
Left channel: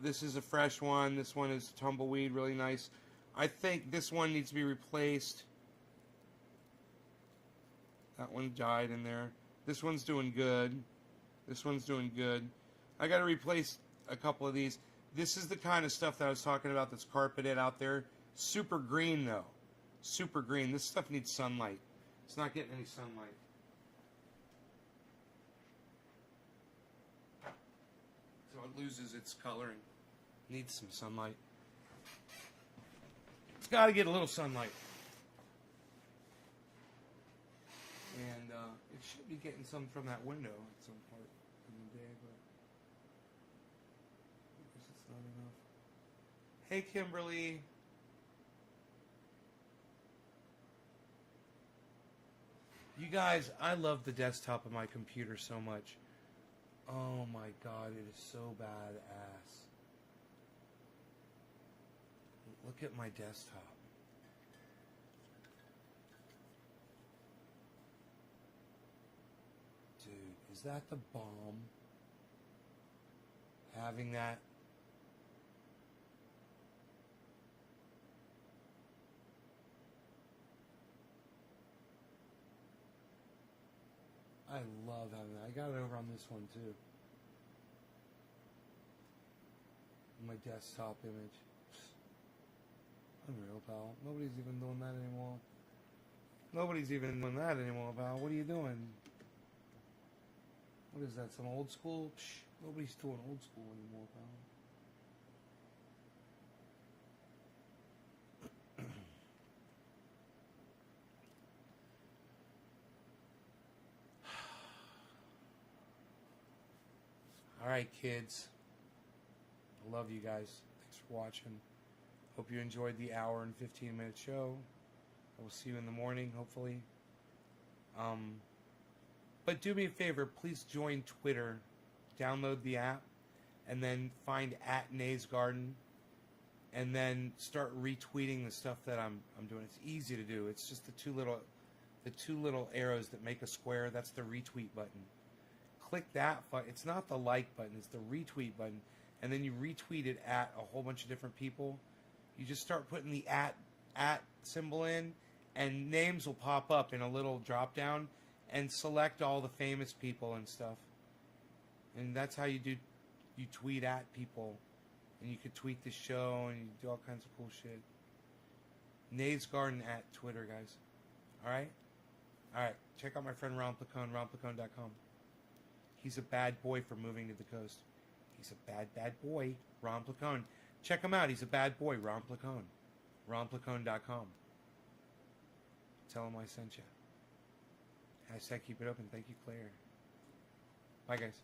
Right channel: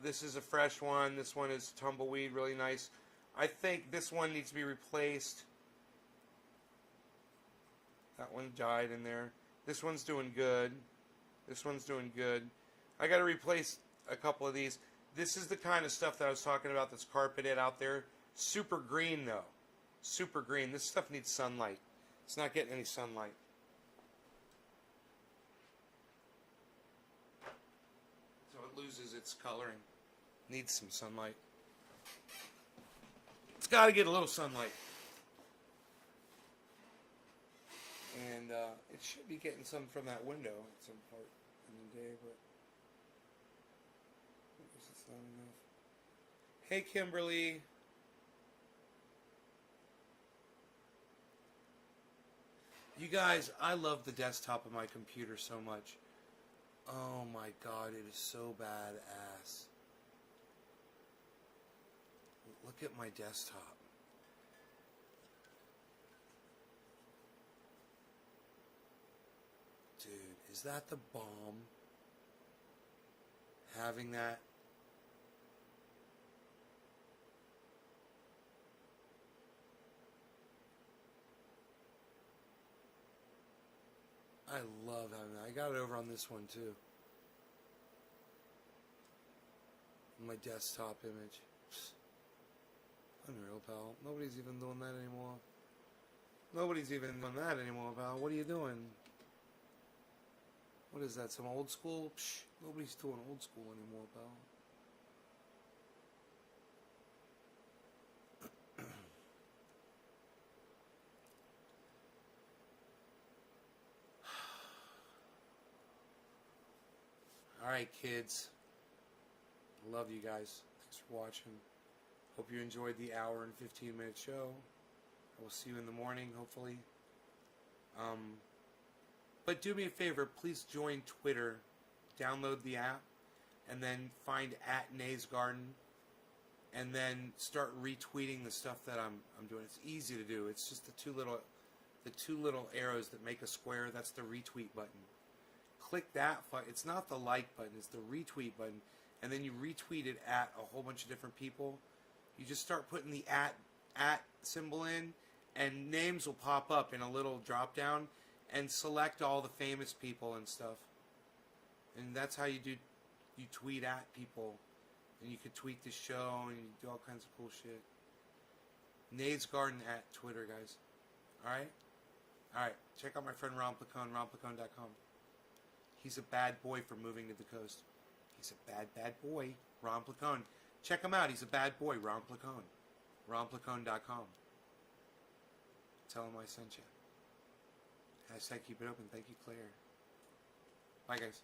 This is a fresh one. This one is tumbleweed, really nice. I think this one needs to be replaced. That one died in there. This one's doing good. This one's doing good. I got to replace a couple of these. This is the kind of stuff that I was talking about that's carpeted out there. Super green, though. Super green. This stuff needs sunlight. It's not getting any sunlight. So it loses its coloring. Needs some sunlight. It's got to get a little sunlight. And it should be getting some from that window at some part in the day, but I guess it's not enough. Hey, Kimberly. You guys, I love the desktop of my computer so much. Oh my god, it is so badass. Look at my desktop. Dude, is that the bomb? Having that. I love having that. I got it over on this one too. My desktop image. Unreal, pal. Nobody's even doing that anymore. Nobody's even doing that anymore, pal. What are you doing? What is that, some old school? Psh, nobody's doing old school anymore, pal. Alright, kids. I love you guys. Thanks for watching. Hope you enjoyed the hour and 15-minute show. I will see you in the morning, hopefully. But do me a favor, please join Twitter. Download the app, and then find @NaysGarden, and then start retweeting the stuff that I'm doing. It's easy to do. It's just the two little arrows that make a square. That's the retweet button. Click that. It's not the like button. It's the retweet button, and then you retweet it at a whole bunch of different people. You just start putting the at symbol in, and names will pop up in a little drop down, and select all the famous people and stuff. And that's how you tweet at people. And you could tweet the show, and you do all kinds of cool shit. Nays Garden at Twitter, guys. Alright? Alright. Check out my friend Ron Placone, ronplacone.com. He's a bad boy for moving to the coast. He's a bad boy. Ron Placone. Check him out. He's a bad boy. Ron Placone. ronplacone.com. Tell him I sent you. # keep it open. Thank you, Claire. Bye, guys.